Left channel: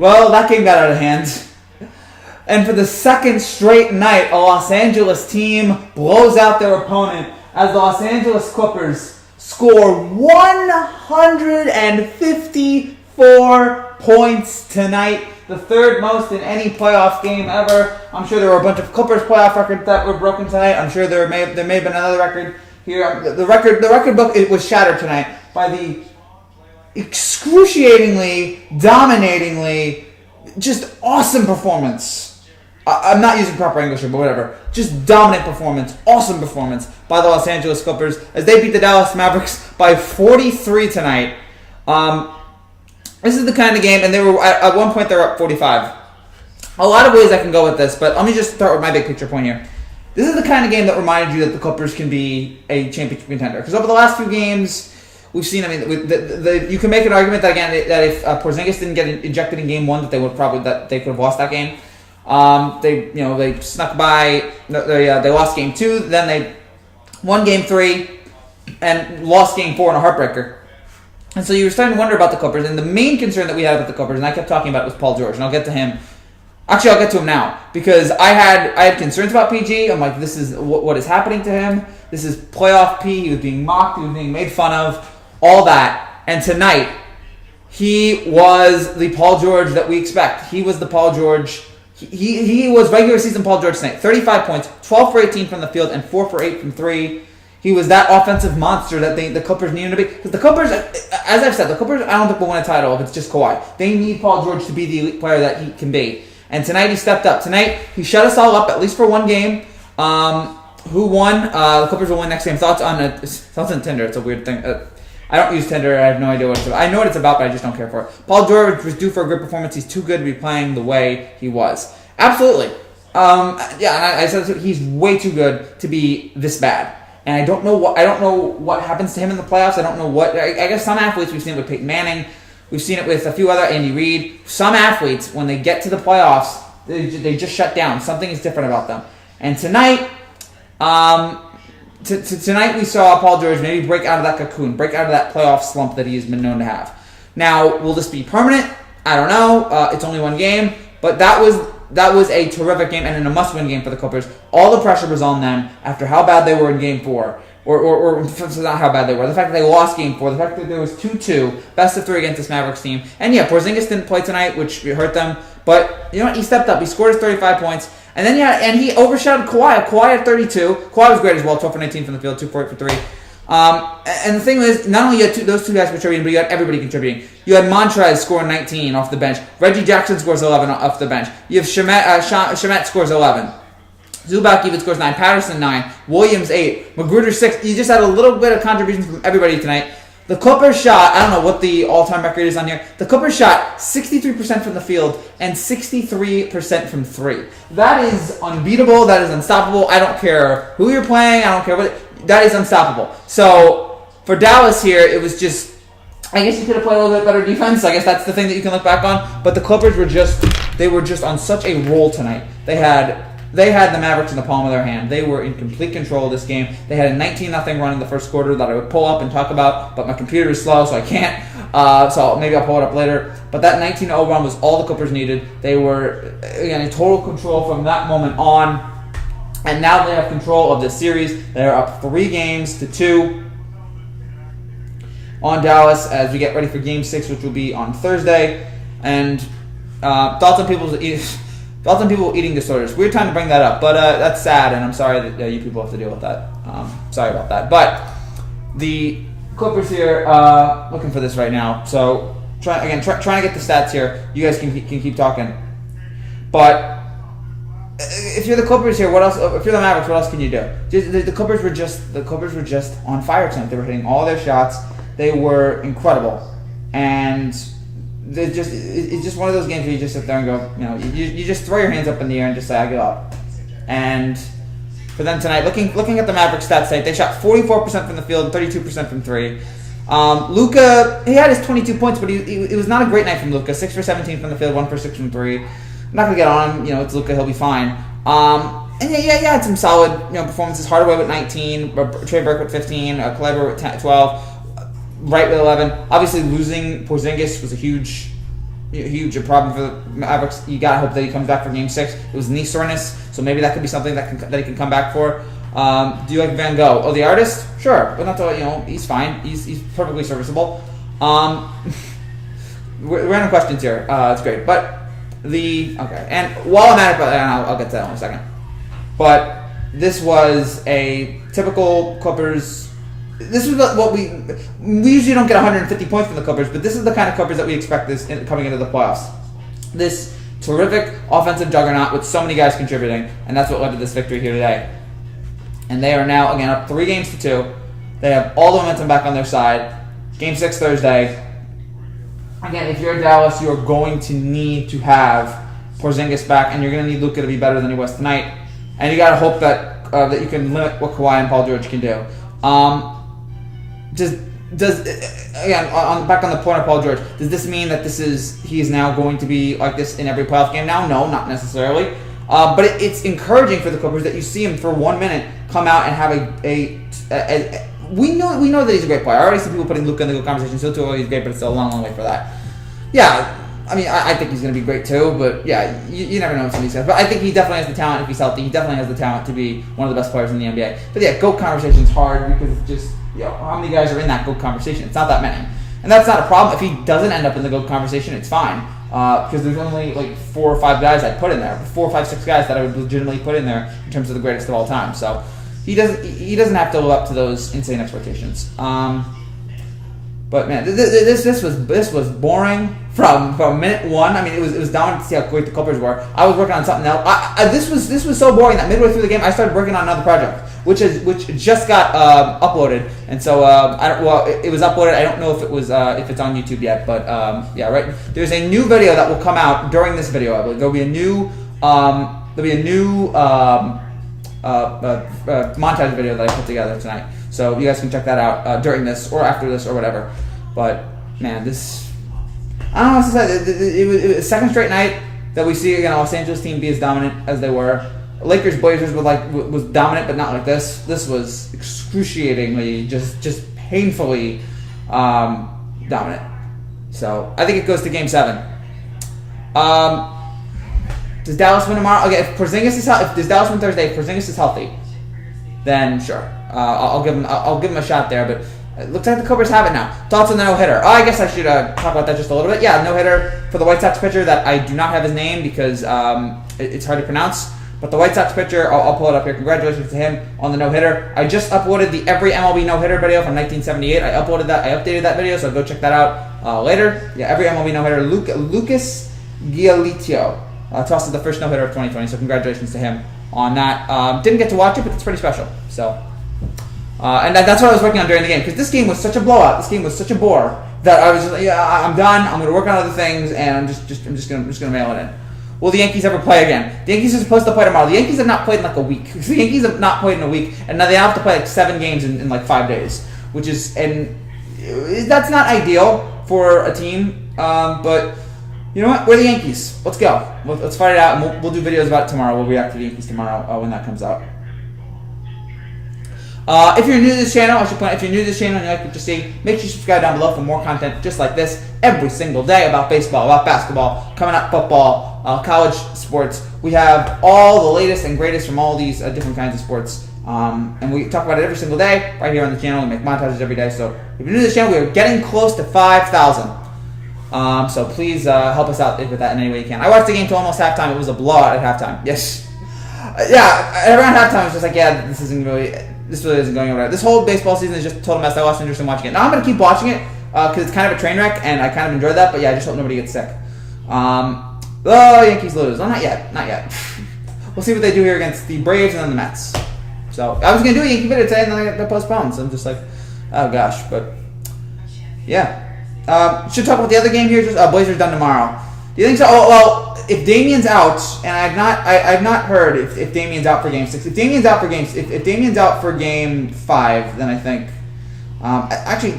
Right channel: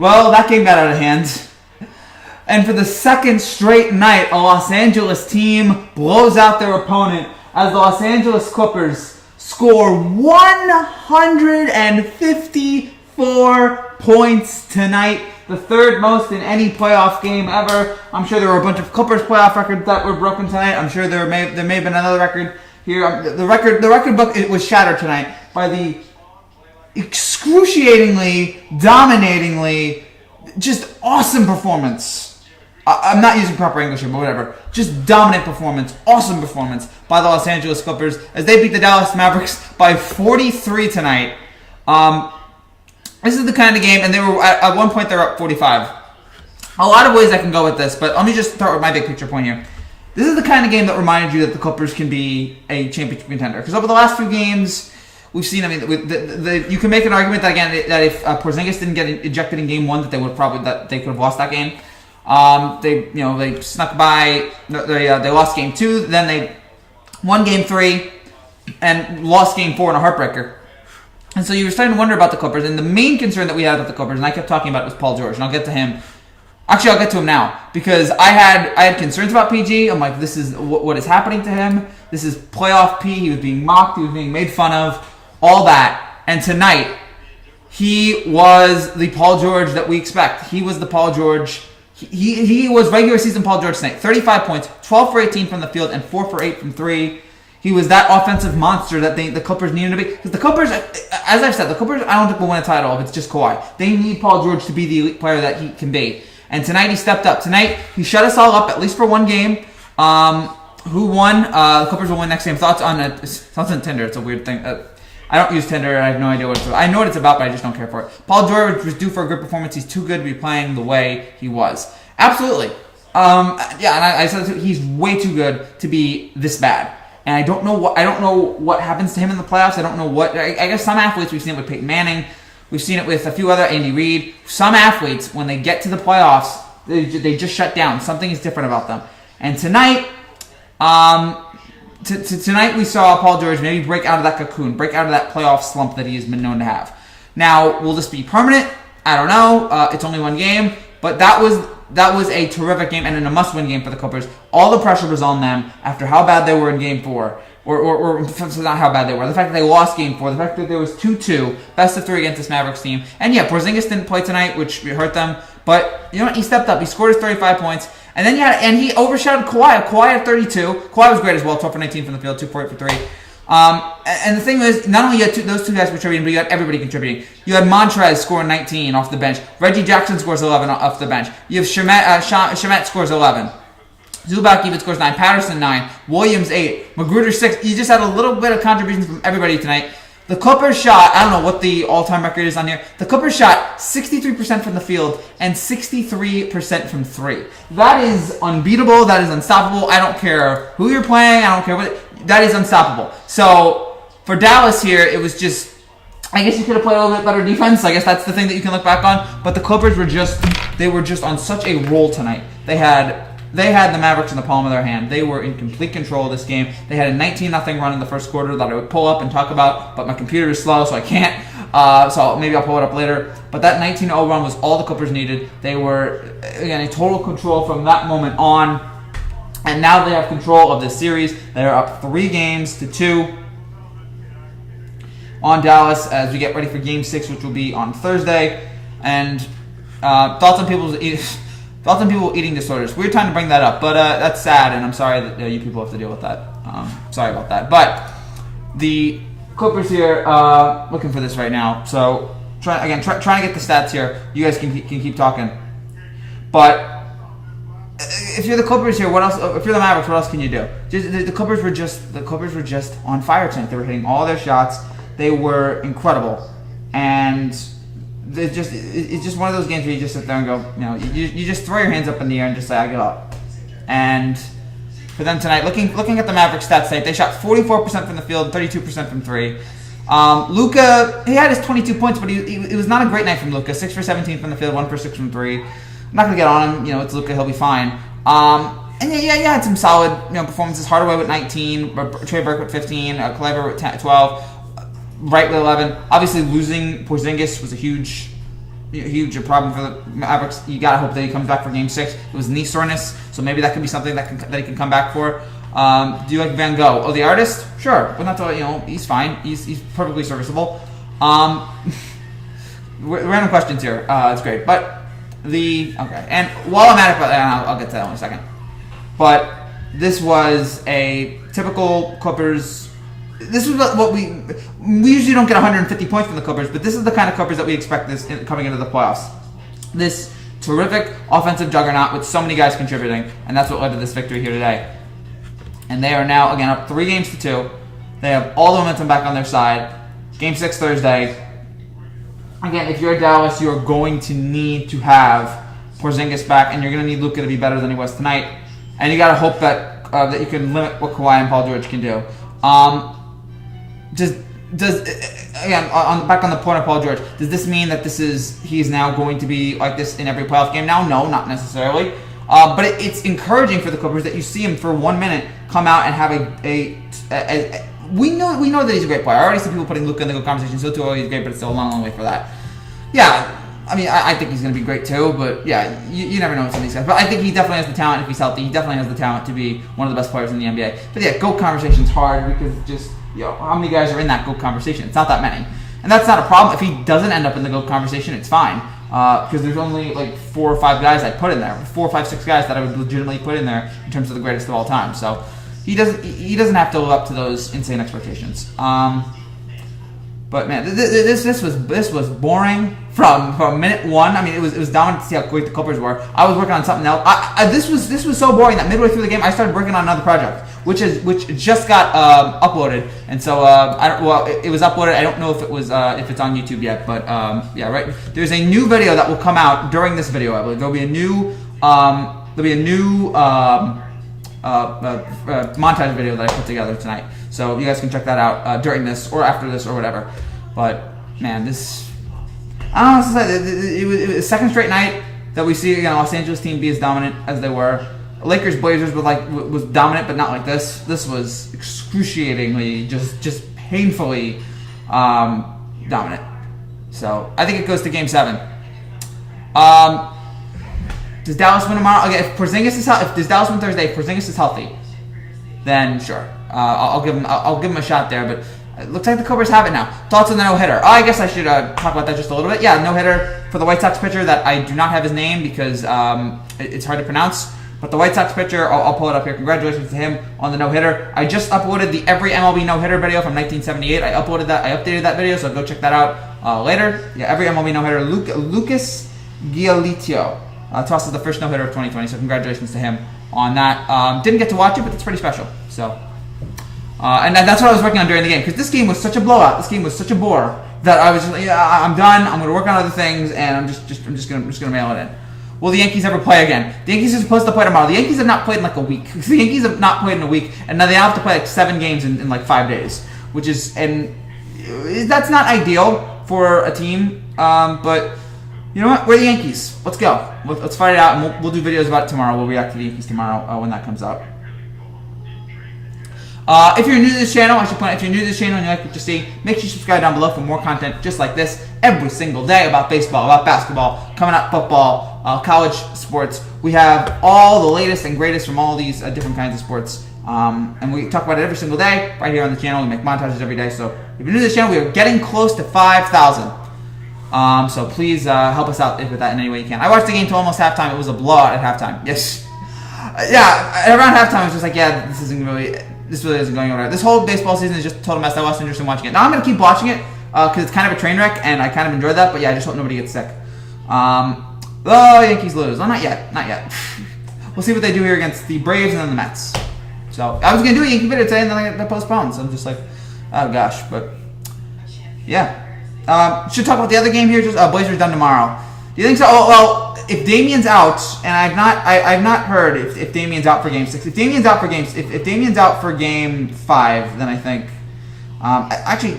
Well, that game got out of hand. And for the second straight night, a Los Angeles team blows out their opponent as the Los Angeles Clippers score 154 points tonight. The third most in any playoff game ever. I'm sure there were a bunch of Clippers playoff records that were broken tonight. I'm sure there may have been another record here. The record book, it was shattered tonight by the excruciatingly, dominatingly, just awesome performance. I'm not using proper English here, but whatever. Just dominant performance, awesome performance by the Los Angeles Clippers as they beat the Dallas Mavericks by 43 tonight. This is the kind of game, and they were at one point they were up 45. A lot of ways I can go with this, but let me just start with my big picture point here. This is the kind of game that reminded you that the Clippers can be a championship contender. Because over the last few games, we've seen. I mean, you can make an argument that again that if Porzingis didn't get ejected in game one, that they could have lost that game. They snuck by. They lost game two. Then they won game three, and lost game four in a heartbreaker. And so you were starting to wonder about the Clippers. And the main concern that we had about the Clippers, and I kept talking about it, was Paul George. And I'll get to him. Actually, I'll get to him now because I had concerns about PG. I'm like, this is what is happening to him. This is playoff P. He was being mocked. He was being made fun of. All that. And tonight, he was the Paul George that we expect. He was the Paul George. He was regular season Paul George tonight. 35 points, 12 for 18 from the field, and 4 for 8 from 3. He was that offensive monster that the Clippers needed to be. Because the Clippers, as I've said, the Clippers, I don't think will win a title if it's just Kawhi. They need Paul George to be the elite player that he can be. And tonight he stepped up. Tonight he shut us all up, at least for one game. Who won? The Clippers will win next game. Thoughts on Tinder? It's a weird thing. I don't use Tinder. I have no idea what it's about. I know what it's about, but I just don't care for it. Paul George was due for a good performance. He's too good to be playing the way he was. Absolutely. And I said he's way too good to be this bad. And I don't know what happens to him in the playoffs. I don't know what. I guess some athletes, we've seen it with Peyton Manning. We've seen it with a few other, Andy Reid. Some athletes, when they get to the playoffs, they just shut down. Something is different about them. And tonight, tonight we saw Paul George maybe break out of that cocoon, break out of that playoff slump that he has been known to have. Now, will this be permanent? I don't know. It's only one game, but that was a terrific game and a must-win game for the Clippers. All the pressure was on them after how bad they were in Game 4. Or not how bad they were. The fact that they lost Game 4. The fact that there was 2-2. Best of 3 against this Mavericks team. And yeah, Porzingis didn't play tonight, which hurt them. But, you know what? He stepped up. He scored his 35 points. And then he overshadowed Kawhi. Kawhi had 32. Kawhi was great as well. 12 for 19 from the field. 2 for 8 for 3. And the thing was, not only you had those two guys contributing, but you had everybody contributing. You had Montrez scoring 19 off the bench. Reggie Jackson scores 11 off the bench. You have Shamet scores 11. Zubac even scores 9. Patterson 9. Williams 8. Magruder 6. You just had a little bit of contributions from everybody tonight. The Clippers shot, I don't know what the all-time record is on here. The Clippers shot 63% from the field and 63% from 3. That is unbeatable. That is unstoppable. I don't care who you're playing. I don't care what. That is unstoppable. So, for Dallas here, it was just, I guess you could have played a little bit better defense. I guess that's the thing that you can look back on. But the Clippers were just on such a roll tonight. They had the Mavericks in the palm of their hand. They were in complete control of this game. They had a 19-0 run in the first quarter that I would pull up and talk about, but my computer is slow, so I can't. So maybe I'll pull it up later. But that 19-0 run was all the Clippers needed. They were, again, in total control from that moment on. And now they have control of this series. They're up 3-2 on Dallas as we get ready for Game 6, which will be on Thursday. And thoughts on people eating disorders. Weird time to bring that up, but that's sad, and I'm sorry that you people have to deal with that. Sorry about that. But the Clippers here looking for this right now. So trying to get the stats here. You guys can keep talking. But if you're the Clippers here, what else? If you're the Mavericks, what else can you do? The Clippers were just on fire tonight. They were hitting all their shots. They were incredible, and it's just one of those games where you just sit there and go, you just throw your hands up in the air and just say, I give up. And for them tonight, looking at the Mavericks stats tonight, they shot 44% from the field, 32% from 3. Luka, he had his 22 points, but it was not a great night from Luka. 6 for 17 from the field, 1 for 6 from 3. I'm not going to get on him. It's Luka. He'll be fine. And yeah, had some solid performances. Hardaway with 19, Trey Burke with 15, Kleber with 12, Wright with 11. Obviously, losing Porzingis was a huge huge problem for the Mavericks. You gotta hope that he comes back for Game 6. It was knee soreness, so maybe that could be something that he can come back for. Do you like Van Gogh? Oh, the artist? Sure, but not the, he's fine. He's perfectly serviceable. Random questions here. It's great, but okay. And while I'm at it, and I'll get to that in a second. But this was a typical Clippers. This is what we usually don't get 150 points from the Clippers, but this is the kind of Clippers that we expect coming into the playoffs. This terrific offensive juggernaut with so many guys contributing, and that's what led to this victory here today. And they are now, again, up 3-2. They have all the momentum back on their side. Game 6 Thursday. Again, if you're Dallas, you're going to need to have Porzingis back, and you're going to need Luka to be better than he was tonight. And you got to hope that you can limit what Kawhi and Paul George can do. Back on the point of Paul George, does this mean that he is now going to be like this in every playoff game now? No, not necessarily. But it's encouraging for the Clippers that you see him for 1 minute come out and have we know that he's a great player. I already see people putting Luka in the good conversation. So too, he's great, but it's still a long way for that. Yeah, I mean, I think he's going to be great too. But yeah, you never know with some of these guys. But I think he definitely has the talent if he's healthy. He definitely has the talent to be one of the best players in the NBA. But yeah, GOAT conversation's hard because just how many guys are in that GOAT conversation? It's not that many, and that's not a problem. If he doesn't end up in the GOAT conversation, it's fine because there's only like 4 or 5 guys I'd put in there, 4, 5, 6 guys that I would legitimately put in there in terms of the greatest of all time. So. He doesn't have to live up to those insane expectations. But man, this was boring from minute 1. I mean, it was dominant to see how great the Clippers were. I was working on something else. This was so boring that midway through the game, I started working on another project, which just got uploaded. And so it was uploaded. I don't know if it's on YouTube yet, but yeah, right. There's a new video that will come out during this video. I believe there'll be a new montage video that I put together tonight, so you guys can check that out during this or after this or whatever. But man, I don't know. It was a second straight night that we see again a Los Angeles team be as dominant as they were. Lakers Blazers was dominant, but not like this. This was excruciatingly, just painfully dominant. So I think it goes to Game 7. Does Dallas win tomorrow? Okay, if does Dallas win Thursday? If Porzingis is healthy, then sure, I'll give him a shot there. But it looks like the Clippers have it now. Thoughts on the no-hitter? I guess I should talk about that just a little bit. Yeah, no-hitter for the White Sox pitcher that I do not have his name because it's hard to pronounce. But the White Sox pitcher, I'll pull it up here. Congratulations to him on the no-hitter. I just uploaded the every MLB no-hitter video from 1978. I uploaded that. I updated that video, so go check that out later. Yeah, every MLB no-hitter. Lucas Giolito. Tosses the first no-hitter of 2020, so congratulations to him on that. Didn't get to watch it, but it's pretty special. So, and that's what I was working on during the game, because this game was such a blowout. This game was such a bore that I was just like, yeah, I'm done. I'm going to work on other things, and I'm just gonna mail it in. Will the Yankees ever play again? The Yankees are supposed to play tomorrow. The Yankees have not played in like a week. The Yankees have not played in a week, and now they have to play like 7 games in like 5 days, and that's not ideal for a team, but. You know what? We're the Yankees. Let's go. Let's fight it out, and we'll do videos about it tomorrow. We'll react to the Yankees tomorrow when that comes out. If you're new to this channel, I should point out, if you're new to this channel and you like what you see, make sure you subscribe down below for more content just like this every single day about baseball, about basketball, coming up football, college sports. We have all the latest and greatest from all these different kinds of sports. And we talk about it every single day right here on the channel. We make montages every day. So if you're new to this channel, we are getting close to 5,000. So please help us out with that in any way you can. I watched the game till almost halftime. It was a blowout at halftime. Yes. Yeah, around halftime, it's just like, yeah, this really isn't going over. This whole baseball season is just a total mess. I lost interest in watching it. Now I'm going to keep watching it because it's kind of a train wreck, and I kind of enjoy that. But yeah, I just hope nobody gets sick. Yankees lose. Oh, not yet. Not yet. We'll see what they do here against the Braves and then the Mets. So I was going to do a Yankee video today, and then I got postponed. So I'm just like, oh gosh. But yeah. Should talk about the other game here. Just Blazers done tomorrow. Do you think so? Oh, well, if Damian's out, and I've not heard if Damian's out for Game 6. If Damian's out for Game 5, then I think. Actually,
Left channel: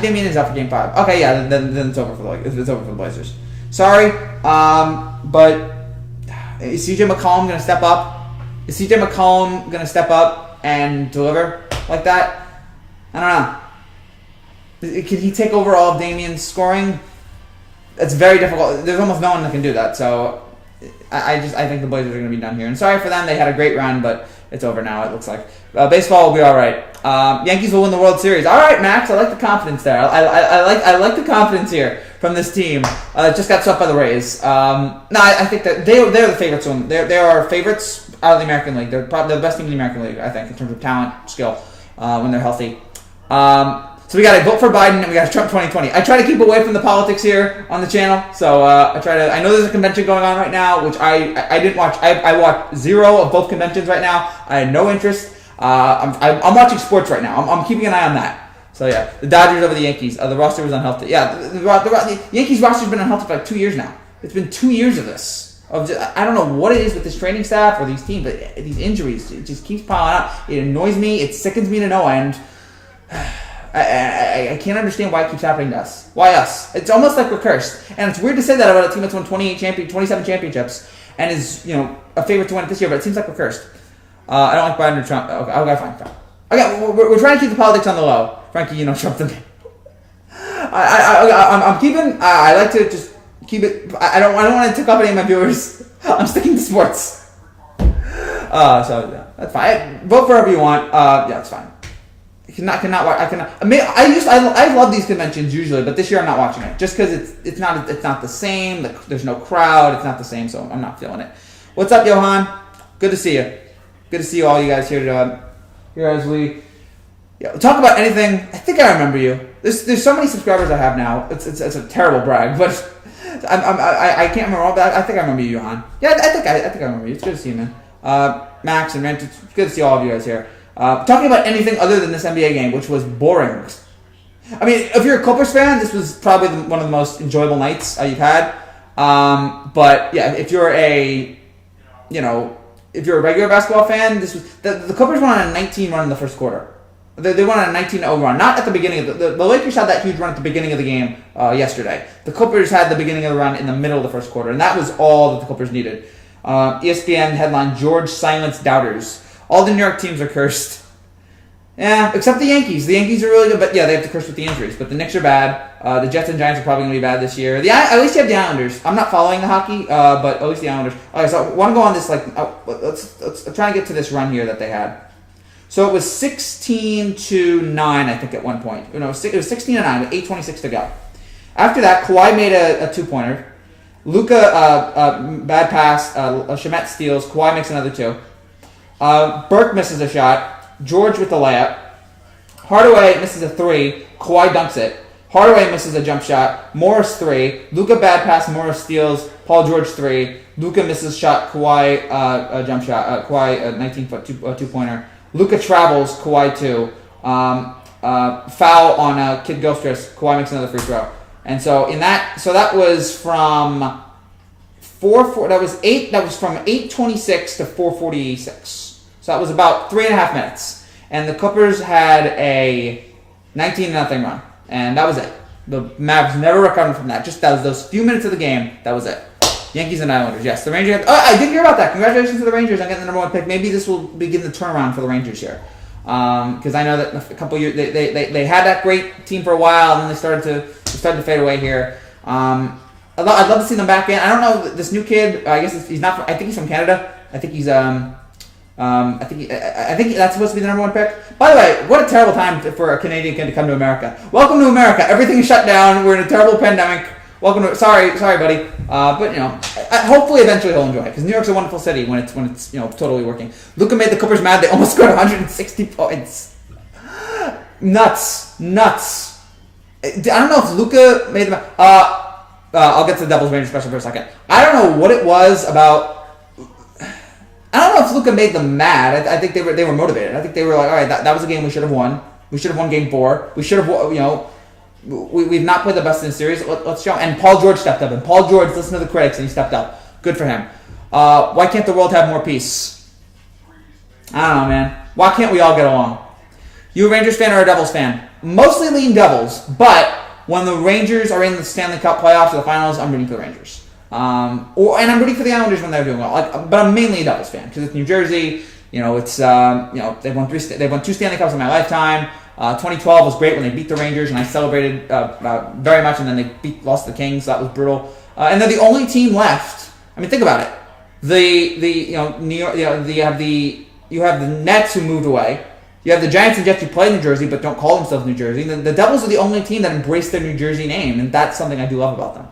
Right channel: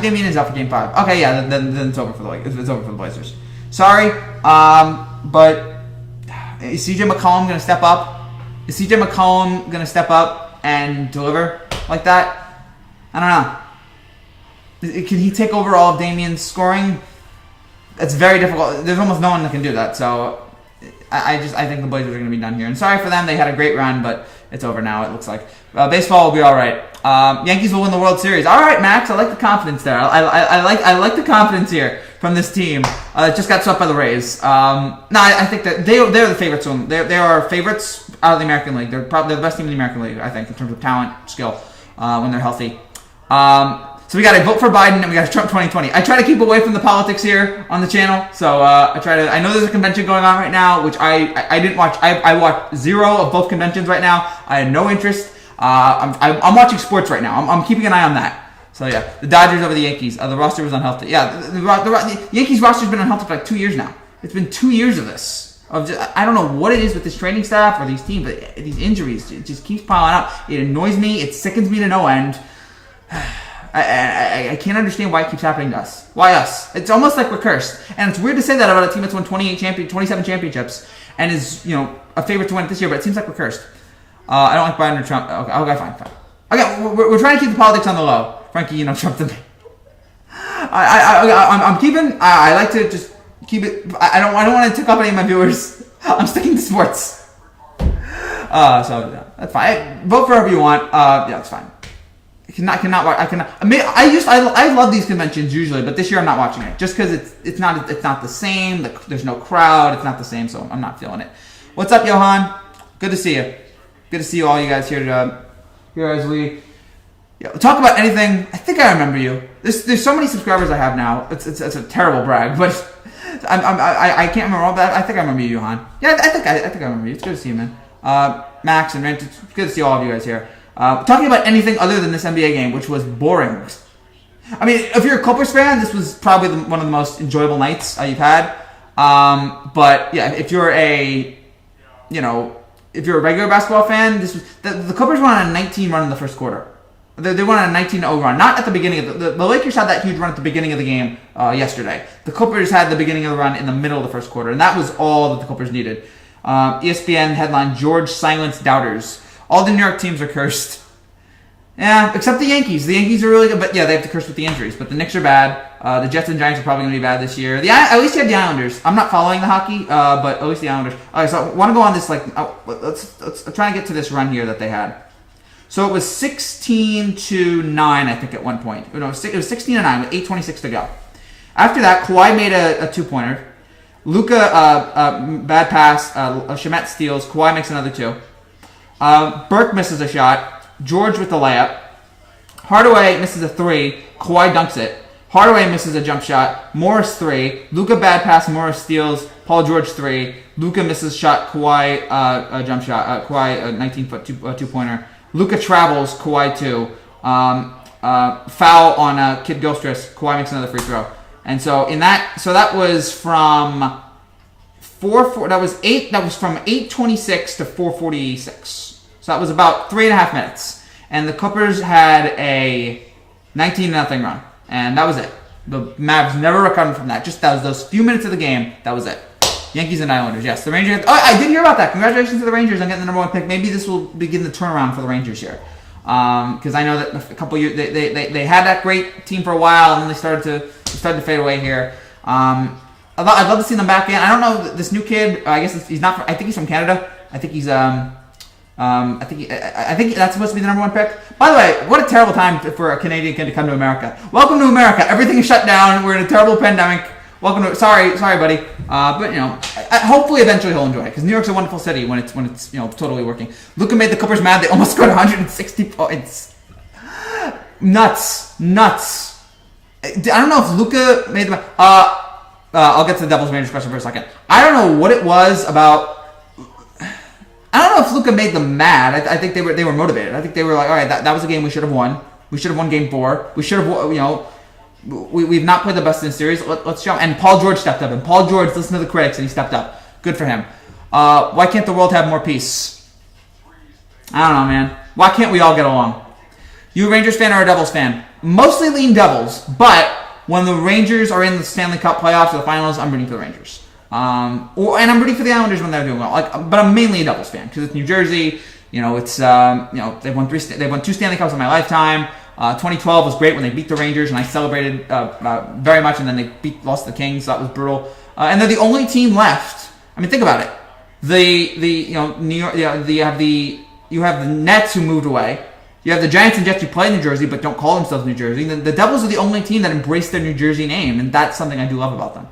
Damian is out for Game 5. Okay, yeah, then it's over for the Blazers. Sorry, but is CJ McCollum gonna step up? Is CJ McCollum gonna step up and deliver like that? I don't know. Can he take over all of Damian's scoring? It's very difficult. There's almost no one that can do that. So I think the Blazers are going to be done here. And sorry for them. They had a great run, but it's over now, it looks like. Baseball will be all right. Yankees will win the World Series. All right, Max. I like the confidence there. I like the confidence here from this team. Just got swept by the Rays. I think that they're the favorites to win. They are favorites out of the American League. They're probably the best team in the American League, I think, in terms of talent, skill, when they're healthy. So we got to vote for Biden and we got Trump 2020. I try to keep away from the politics here on the channel. So I know there's a convention going on right now, which I didn't watch. I watched zero of both conventions right now. I had no interest. I'm watching sports right now. I'm keeping an eye on that. So yeah, the Dodgers over the Yankees. The roster was unhealthy. Yeah, the Yankees roster's been unhealthy for like 2 years now. It's been 2 years of this. I don't know what it is with this training staff or these teams, but these injuries, it just keeps piling up. It annoys me. It sickens me to no end. I can't understand why it keeps happening to us. Why us? It's almost like we're cursed. And it's weird to say that about a team that's won 27 championships and is, a favorite to win it this year, but it seems like we're cursed. I don't like Biden or Trump. Okay, fine. Okay, we're trying to keep the politics on the low. Frankie, Trump the man. I like to just keep it. I don't want to tick off any of my viewers. I'm sticking to sports. So that's fine. Vote for whoever you want. Yeah, it's fine. I love these conventions usually, but this year I'm not watching it just because it's not the same. There's no crowd. It's not the same, so I'm not feeling it. What's up, Johan? Good to see you. Good to see all you guys here as we talk about anything. I think I remember you. There's so many subscribers I have now. It's a terrible brag, but I can't remember all that. I think I remember you, Johan. Yeah, I think I remember you. It's good to see you, man. Max and Rent. It's good to see all of you guys here. Talking about anything other than this NBA game, which was boring. I mean, if you're a Clippers fan, this was probably one of the most enjoyable nights you've had. But yeah, if you're a regular basketball fan, this was the Clippers went on a 19 run in the first quarter. They went on a 19-0 run, not at the beginning of the Lakers had that huge run at the beginning of the game yesterday. The Clippers had the beginning of the run in the middle of the first quarter, and that was all that the Clippers needed. ESPN headline: George silenced doubters. All the New York teams are cursed. Yeah, except the Yankees. The Yankees are really good, but yeah, they have to curse with the injuries. But the Knicks are bad. The Jets and Giants are probably going to be bad this year. At least you have the Islanders. I'm not following the hockey, but at least the Islanders. Okay, so I want to go on this, let's try and get to this run here that they had. So it was 16-9, I think, at one point. No, it was 16-9 with 8:26 to go. After that, Kawhi made a two-pointer. Luka, bad pass. Shamet steals. Kawhi makes another two. Burke misses a shot. George with the layup. Hardaway misses a three. Kawhi dunks it. Hardaway misses a jump shot. Morris three. Luka bad pass. Morris steals. Paul George three. Luka misses shot. Kawhi a jump shot. Kawhi a 19-foot two-pointer. Luka travels. Kawhi two. Foul on Kid Gilchrist. Kawhi makes another free throw. And so that was from that was from 8:26 to 4:46. So that was about 3.5 minutes. And the Clippers had a 19-0 run. And that was it. The Mavs never recovered from that. Just that was those few minutes of the game. That was it. Yankees and Islanders, yes. The Rangers. Oh, I did hear about that. Congratulations to the Rangers on getting the number one pick. Maybe this will begin the turnaround for the Rangers here. Because I know that a couple years they had that great team for a while, and then they started to fade away here. I'd love to see them back in. I don't know this new kid. I guess he's not. I think he's from Canada. I think he's I think that's supposed to be the number one pick. By the way, what a terrible time for a Canadian kid to come to America. Welcome to America. Everything is shut down. We're in a terrible pandemic. Welcome to. Sorry, buddy. But hopefully, eventually he'll enjoy it because New York's a wonderful city when it's totally working. Luka made the Clippers mad. They almost scored 160 points. Nuts. I don't know if Luka made them. I'll get to the Devils Rangers question for a second. I don't know what it was about. I don't know if Luka made them mad. I think they were motivated. I think they were like, all right, that was a game we should have won. We should have won Game 4. We should have, we've not played the best in the series. Let's show. And Paul George stepped up. And Paul George listened to the critics and he stepped up. Good for him. Why can't the world have more peace? I don't know, man. Why can't we all get along? You a Rangers fan or a Devils fan? Mostly lean Devils, but when the Rangers are in the Stanley Cup playoffs or the finals, I'm rooting for the Rangers. And I'm rooting for the Islanders when they're doing well. But I'm mainly a Devils fan because it's New Jersey. They've won 2 Stanley Cups in my lifetime. 2012 was great when they beat the Rangers, and I celebrated very much. And then they lost the Kings, so that was brutal. And they're the only team left. I mean, think about it. New York. You have the Nets who moved away. You have the Giants and Jets who play New Jersey but don't call themselves New Jersey. The Devils are the only team that embraced their New Jersey name, and that's something I do love about them.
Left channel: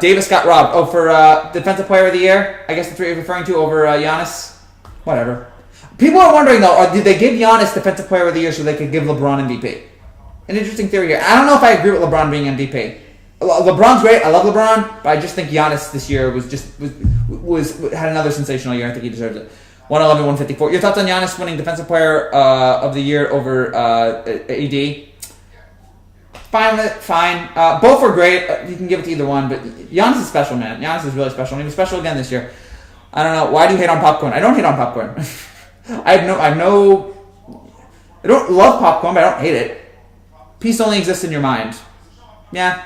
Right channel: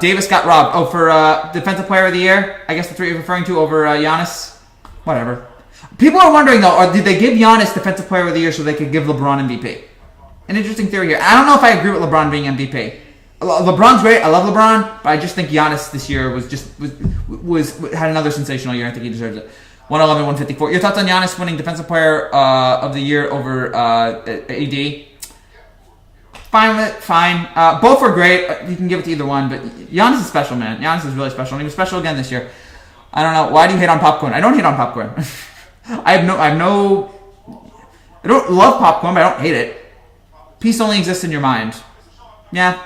Davis got robbed. For Defensive Player of the Year, I guess that's what you're referring to, over Giannis. Whatever. People are wondering, though, did they give Giannis Defensive Player of the Year so they could give LeBron MVP? An interesting theory here. I don't know if I agree with LeBron being MVP. LeBron's great. I love LeBron, but I just think Giannis this year had another sensational year. I think he deserves it. 111, 154. Your thoughts on Giannis winning Defensive Player of the Year over AD? Fine with it. Fine. Both were great. You can give it to either one, but Giannis is special, man. Giannis is really special, and he was special again this year. I don't know. Why do you hate on popcorn? I don't hate on popcorn. I don't love popcorn, but I don't hate it. Peace only exists in your mind. Yeah,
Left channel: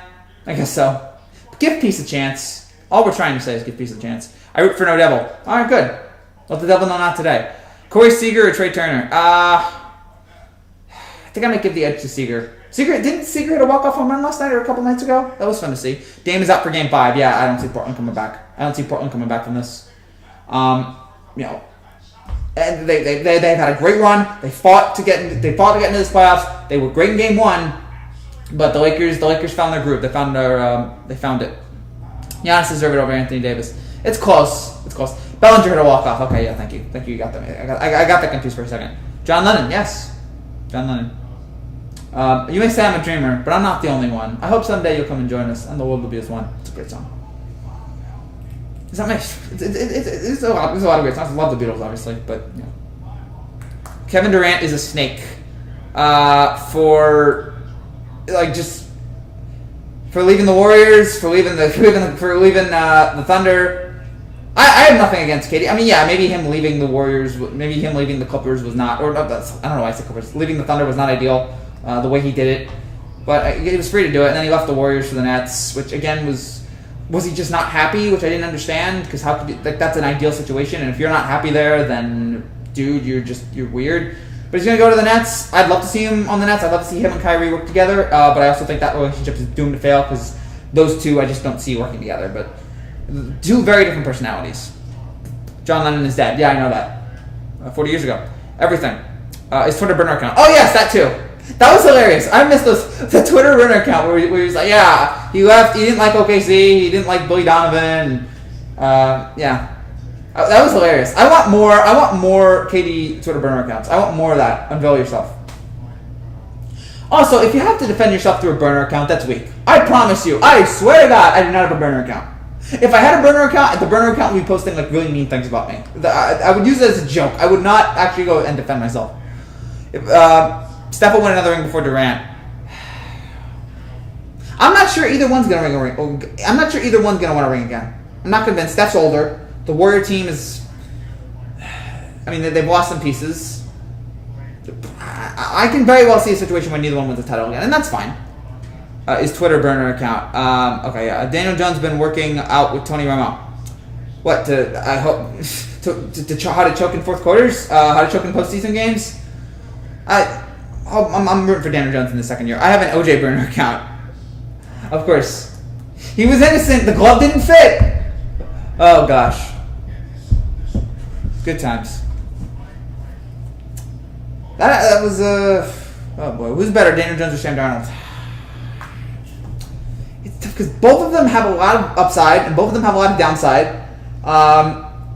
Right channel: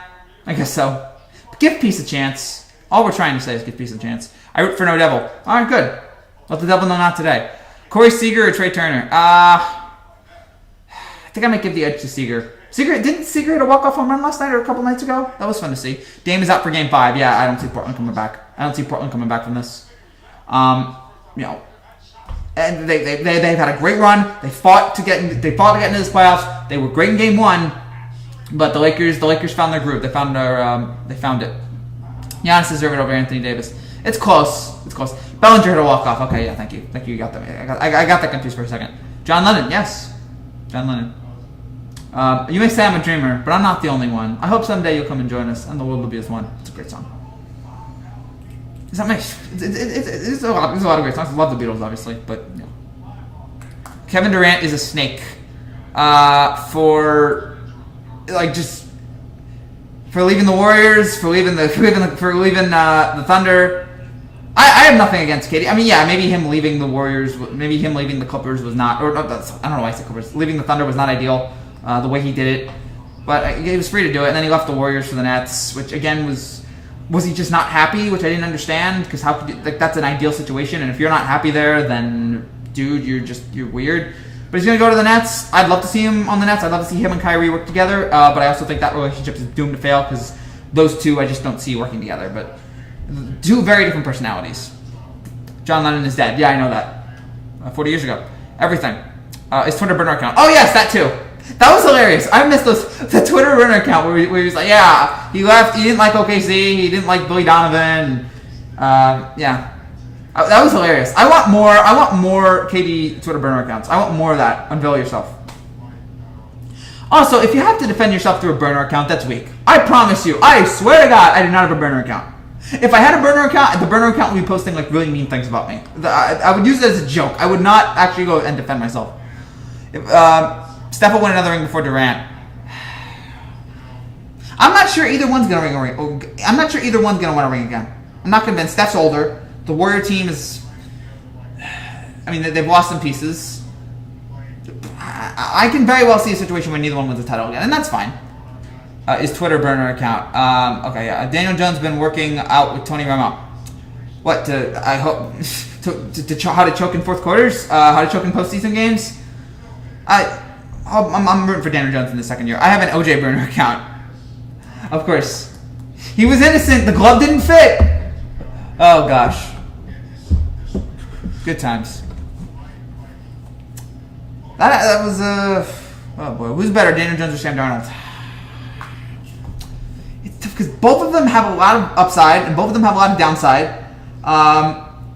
I guess so. But give peace a chance. All we're trying to say is give peace a chance. I root for no devil. All right, good. Let the devil know not today. Corey Seager or Trey Turner? I think I might give the edge to Seager. Didn't Seager hit a walk-off home run last night or a couple nights ago? That was fun to see. Dame is out for Game 5. Yeah, I don't see Portland coming back. I don't see Portland coming back from this. And they've had a great run. They fought to get into this playoffs. They were great in Game 1, but the Lakers found their groove. They found it. Giannis deserved it over Anthony Davis. It's close. Bellinger hit a walk-off. Okay, yeah, thank you. You got that. I got that confused for a second. John Lennon, yes. John Lennon. You may say I'm a dreamer, but I'm not the only one. I hope someday you'll come and join us, and the world will be as one. It's a great song. Is that my? It's a lot of great songs. I love the Beatles, obviously, but you know. Kevin Durant is a snake. For leaving the Warriors, for leaving the Thunder. I have nothing against KD. I mean, yeah, maybe him leaving the Warriors, maybe him leaving the Clippers was not, I don't know why I said Clippers. Leaving the Thunder was not ideal, the way he did it. But he was free to do it, and then he left the Warriors for the Nets, which again was he just not happy, which I didn't understand, because how could you, that's an ideal situation, and if you're not happy there, then dude, you're weird. But he's gonna go to the Nets. I'd love to see him on the Nets. I'd love to see him and Kyrie work together. But I also think that relationship is doomed to fail because those two I just don't see working together. But two very different personalities. John Lennon is dead. Yeah, I know that. 40 years ago. Everything. His Twitter burner account. Oh yes, that too. That was hilarious. I missed the Twitter burner account where he was like, yeah, he left. He didn't like OKC. He didn't like Billy Donovan. Yeah. That was hilarious. I want more KD Twitter burner accounts. I want more of that. Unveil yourself. Also, if you have to defend yourself through a burner account, that's weak. I promise you. I swear to God, I do not have a burner account. If I had a burner account, the burner account would be posting like really mean things about me. I would use it as a joke. I would not actually go and defend myself. If Steph will win another ring before Durant. I'm not sure either one's gonna win a ring. I'm not sure either one's gonna win a ring again. I'm not convinced. Steph's older. The Warrior team is... I mean, they've lost some pieces. I can very well see a situation where neither one wins the title again, and that's fine. His Twitter burner account. Okay, yeah. Daniel Jones been working out with Tony Romo. What, I hope... how to choke in fourth quarters? How to choke in postseason games? I'm rooting for Daniel Jones in the second year. I have an OJ burner account. Of course. He was innocent. The glove didn't fit. Oh, gosh. Good times. That was oh boy, who's better, Daniel Jones or Sam Darnold? It's tough because both of them have a lot of upside and both of them have a lot of downside.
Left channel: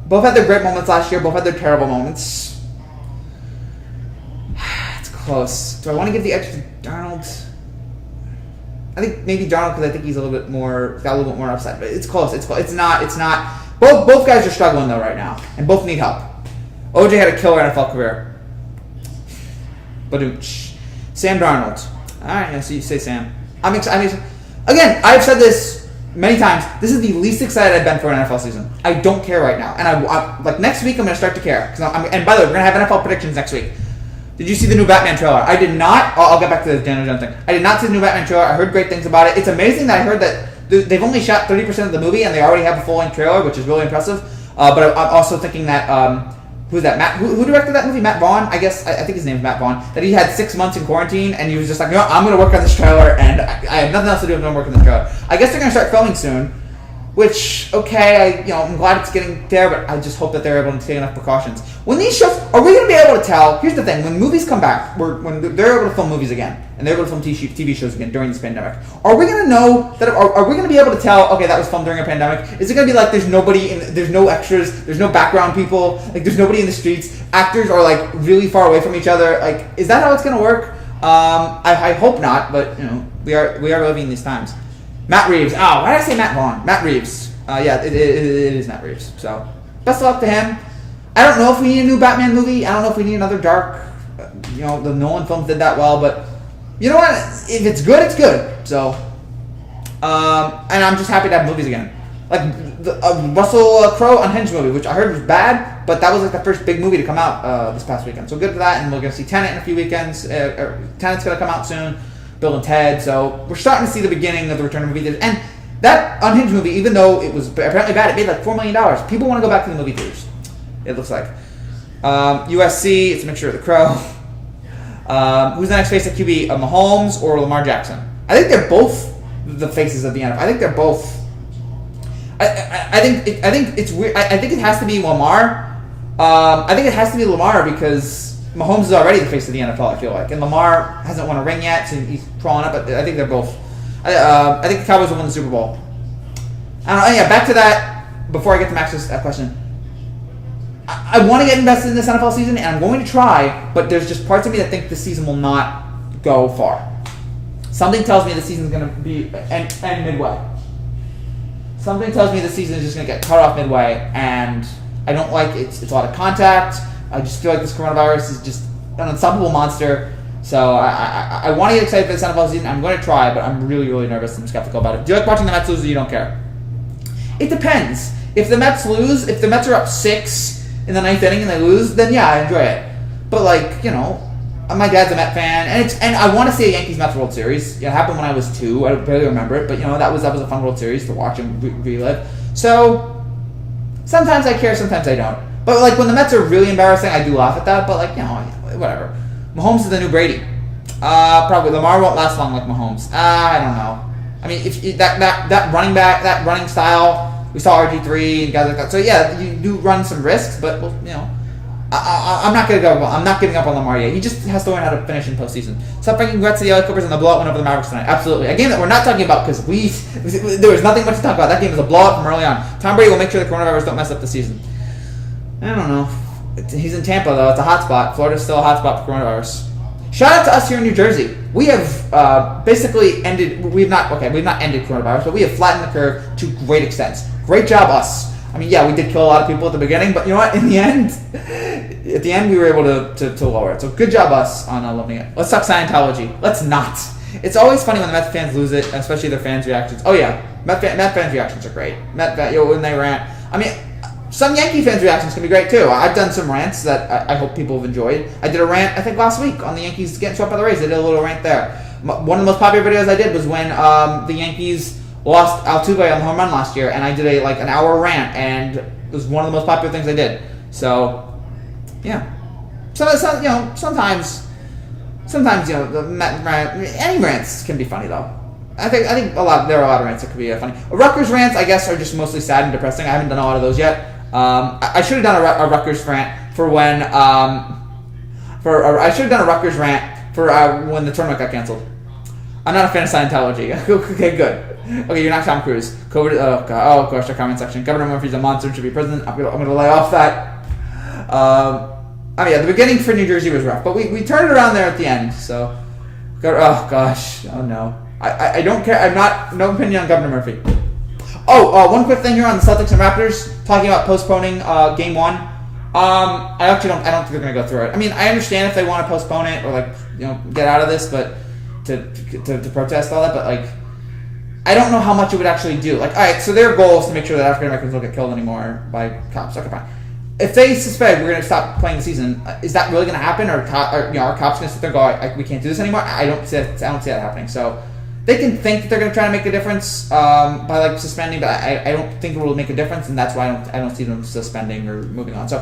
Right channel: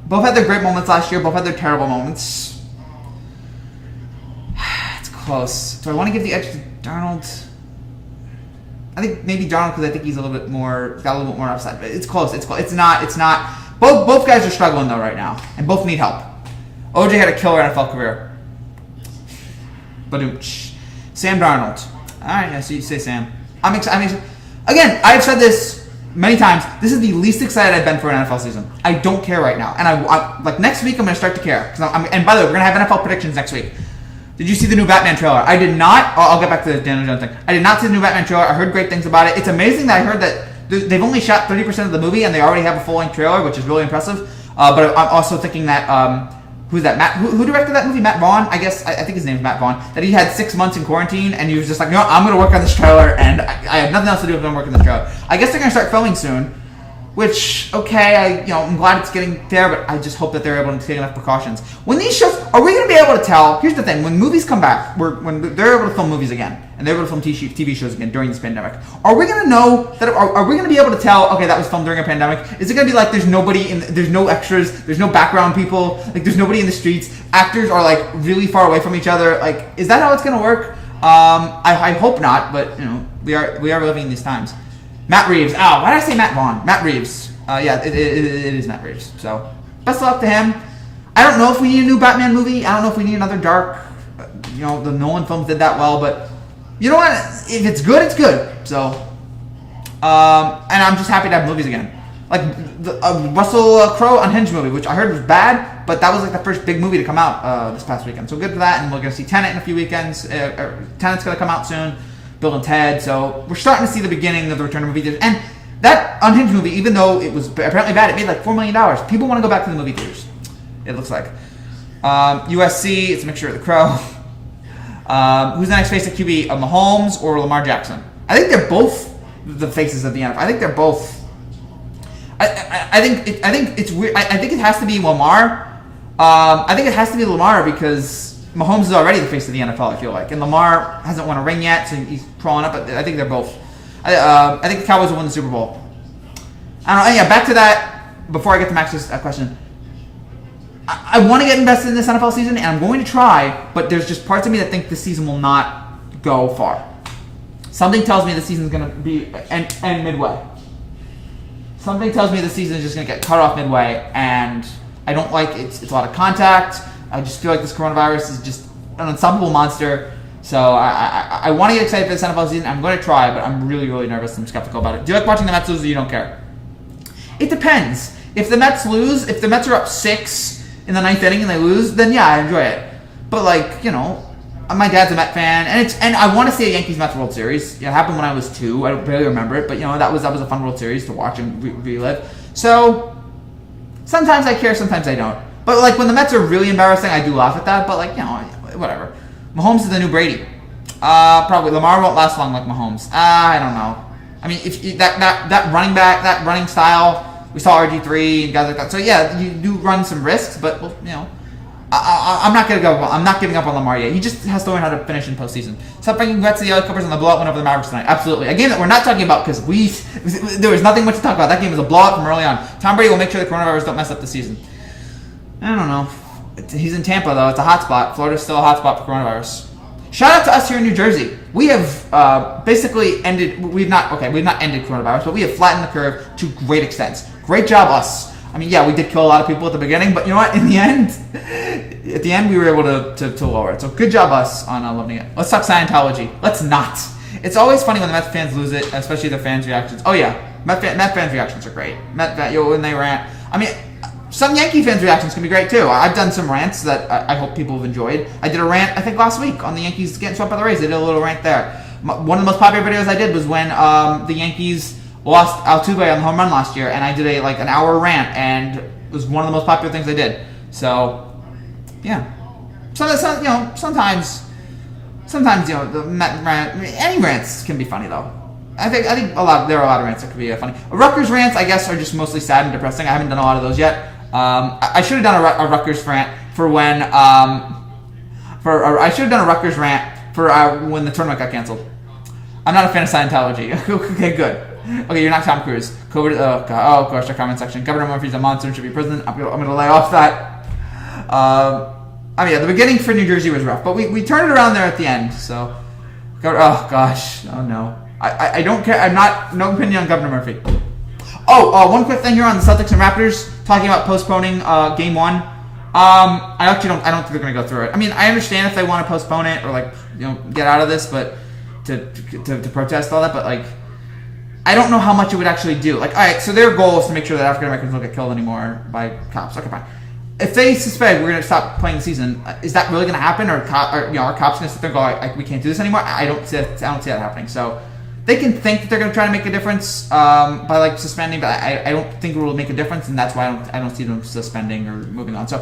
Both had their great moments last year. Both had their terrible moments. It's close. Do I want to give the edge to Darnold? I think maybe Darnold because I think he's got a little bit more upside. But it's close. It's not. Both guys are struggling though right now, and both need help. OJ had a killer NFL career. Badooch. Sam Darnold. All right, yeah, so you say Sam. I'm excited. Again, I've said this many times. This is the least excited I've been for an NFL season. I don't care right now, and I like next week I'm going to start to care. And by the way, we're going to have NFL predictions next week. Did you see the new Batman trailer? I did not. I'll get back to the Daniel Jones thing. I did not see the new Batman trailer. I heard great things about it. It's amazing that I heard that they've only shot 30% of the movie and they already have a full-length trailer, which is really impressive. But I'm also thinking that who's that? Who directed that movie? Matt Vaughn, I guess. I think his name's Matt Vaughn. That he had 6 months in quarantine, and he was just like, no, I'm gonna work on this trailer, and I have nothing else to do if I'm working on this trailer. I guess they're gonna start filming soon. Which, okay, I'm glad it's getting there, but I just hope that they're able to take enough precautions. When these shows, are we going to be able to tell? Here's the thing: when movies come back, when they're able to film movies again, and they're able to film TV shows again during this pandemic, are we going to know that? Are we going to be able to tell? Okay, that was filmed during a pandemic. Is it going to be like there's no extras, there's no background people, like there's nobody in the streets, actors are like really far away from each other? Like, is that how it's going to work? I hope not, but we are living in these times. Matt Reeves. Oh, why did I say Matt Vaughn? Matt Reeves. Yeah, it is Matt Reeves. So, best of luck to him. I don't know if we need a new Batman movie. I don't know if we need another dark. The Nolan films did that well, but you know what? If it's good, it's good. So, and I'm just happy to have movies again. Like the Russell Crowe Unhinged movie, which I heard was bad, but that was like the first big movie to come out this past weekend. So good for that, and we're going to see Tenet in a few weekends. Tenet's going to come out soon. Bill and Ted. So we're starting to see the beginning of the return of movie theaters. And that Unhinged movie, even though it was apparently bad, it made like $4 million. People want to go back to the movie theaters, it looks like. USC, it's a mixture of the Crow. Who's the next face at QB? Mahomes or Lamar Jackson? I think they're both the faces of the NFL. I think they're both. I think it's weird. I think it has to be Lamar. I think it has to be Lamar because Mahomes is already the face of the NFL, I feel like. And Lamar hasn't won a ring yet, so he's crawling up. But I think they're both. I think the Cowboys will win the Super Bowl. I don't know. Yeah, back to that. Before I get to Max's question. I want to get invested in this NFL season, and I'm going to try, but there's just parts of me that think this season will not go far. Something tells me the season's going to be end midway. Something tells me the season is just going to get cut off midway, and I don't like it. It's a lot of contact. I just feel like this coronavirus is just an unstoppable monster. So I want to get excited for this NFL season. I'm going to try, but I'm really, really nervous and skeptical about it. Do you like watching the Mets lose or you don't care? It depends. If the Mets lose, if the Mets are up 6 in the 9th inning and they lose, then yeah, I enjoy it. But like, my dad's a Met fan, and I want to see a Yankees-Mets World Series. It happened when I was 2. I barely remember it, but that was a fun World Series to watch and relive. So sometimes I care, sometimes I don't. But like when the Mets are really embarrassing, I do laugh at that. But like whatever. Mahomes is the new Brady. Probably Lamar won't last long like Mahomes. I don't know. I mean, if that running back, that running style. We saw RG3 and guys like that. So yeah, you do run some risks, but I'm not gonna go. I'm not giving up on Lamar yet. He just has to learn how to finish in postseason. So congrats to the LA Clippers on the blowout win over the Mavericks tonight. Absolutely, a game that we're not talking about because there was nothing much to talk about. That game was a blowout from early on. Tom Brady will make sure the coronavirus don't mess up the season. I don't know. He's in Tampa though. It's a hot spot. Florida's still a hot spot for coronavirus. Shout out to us here in New Jersey. We have basically ended. We've not ended coronavirus, but we have flattened the curve to great extents. Great job, us. I mean, yeah, we did kill a lot of people at the beginning, but you know what? In the end, we were able to lower it. So good job, us, on loving it. Let's talk Scientology. Let's not. It's always funny when the Mets fans lose it, especially their fans' reactions. Oh yeah, Met fans' reactions are great. When they rant. I mean, some Yankee fans' reactions can be great too. I've done some rants that I hope people have enjoyed. I did a rant, I think, last week on the Yankees getting swept by the Rays. I did a little rant there. One of the most popular videos I did was when the Yankees lost Altuve on the home run last year, and I did an hour rant, and it was one of the most popular things I did. So, yeah. So sometimes the Met rant, any rants can be funny though. I think there are a lot of rants that could be funny. Rutgers rants, I guess, are just mostly sad and depressing. I haven't done a lot of those yet. I should have done a Rutgers rant for when I should have done a Rutgers rant for when the tournament got canceled. I'm not a fan of Scientology. Okay, good. Okay, you're not Tom Cruise. COVID. Oh god. Oh gosh, the comment section. Governor Murphy's a monster and should be president. I'm gonna lay off that. The beginning for New Jersey was rough, but we turned it around there at the end. So, oh gosh, oh no. I don't care. No opinion on Governor Murphy. One quick thing here on the Celtics and Raptors, talking about postponing Game 1. I don't think they're going to go through it. I mean, I understand if they want to postpone it or get out of this, but to protest all that, but I don't know how much it would actually do. All right, so their goal is to make sure that African Americans don't get killed anymore by cops. Okay, fine. If they suspect we're going to stop playing the season, is that really going to happen, or are cops going to sit there and go, we can't do this anymore? I don't see that happening. So They can think that they're going to try to make a difference by like suspending, but I don't think it will make a difference, and that's why I don't see them suspending or moving on. So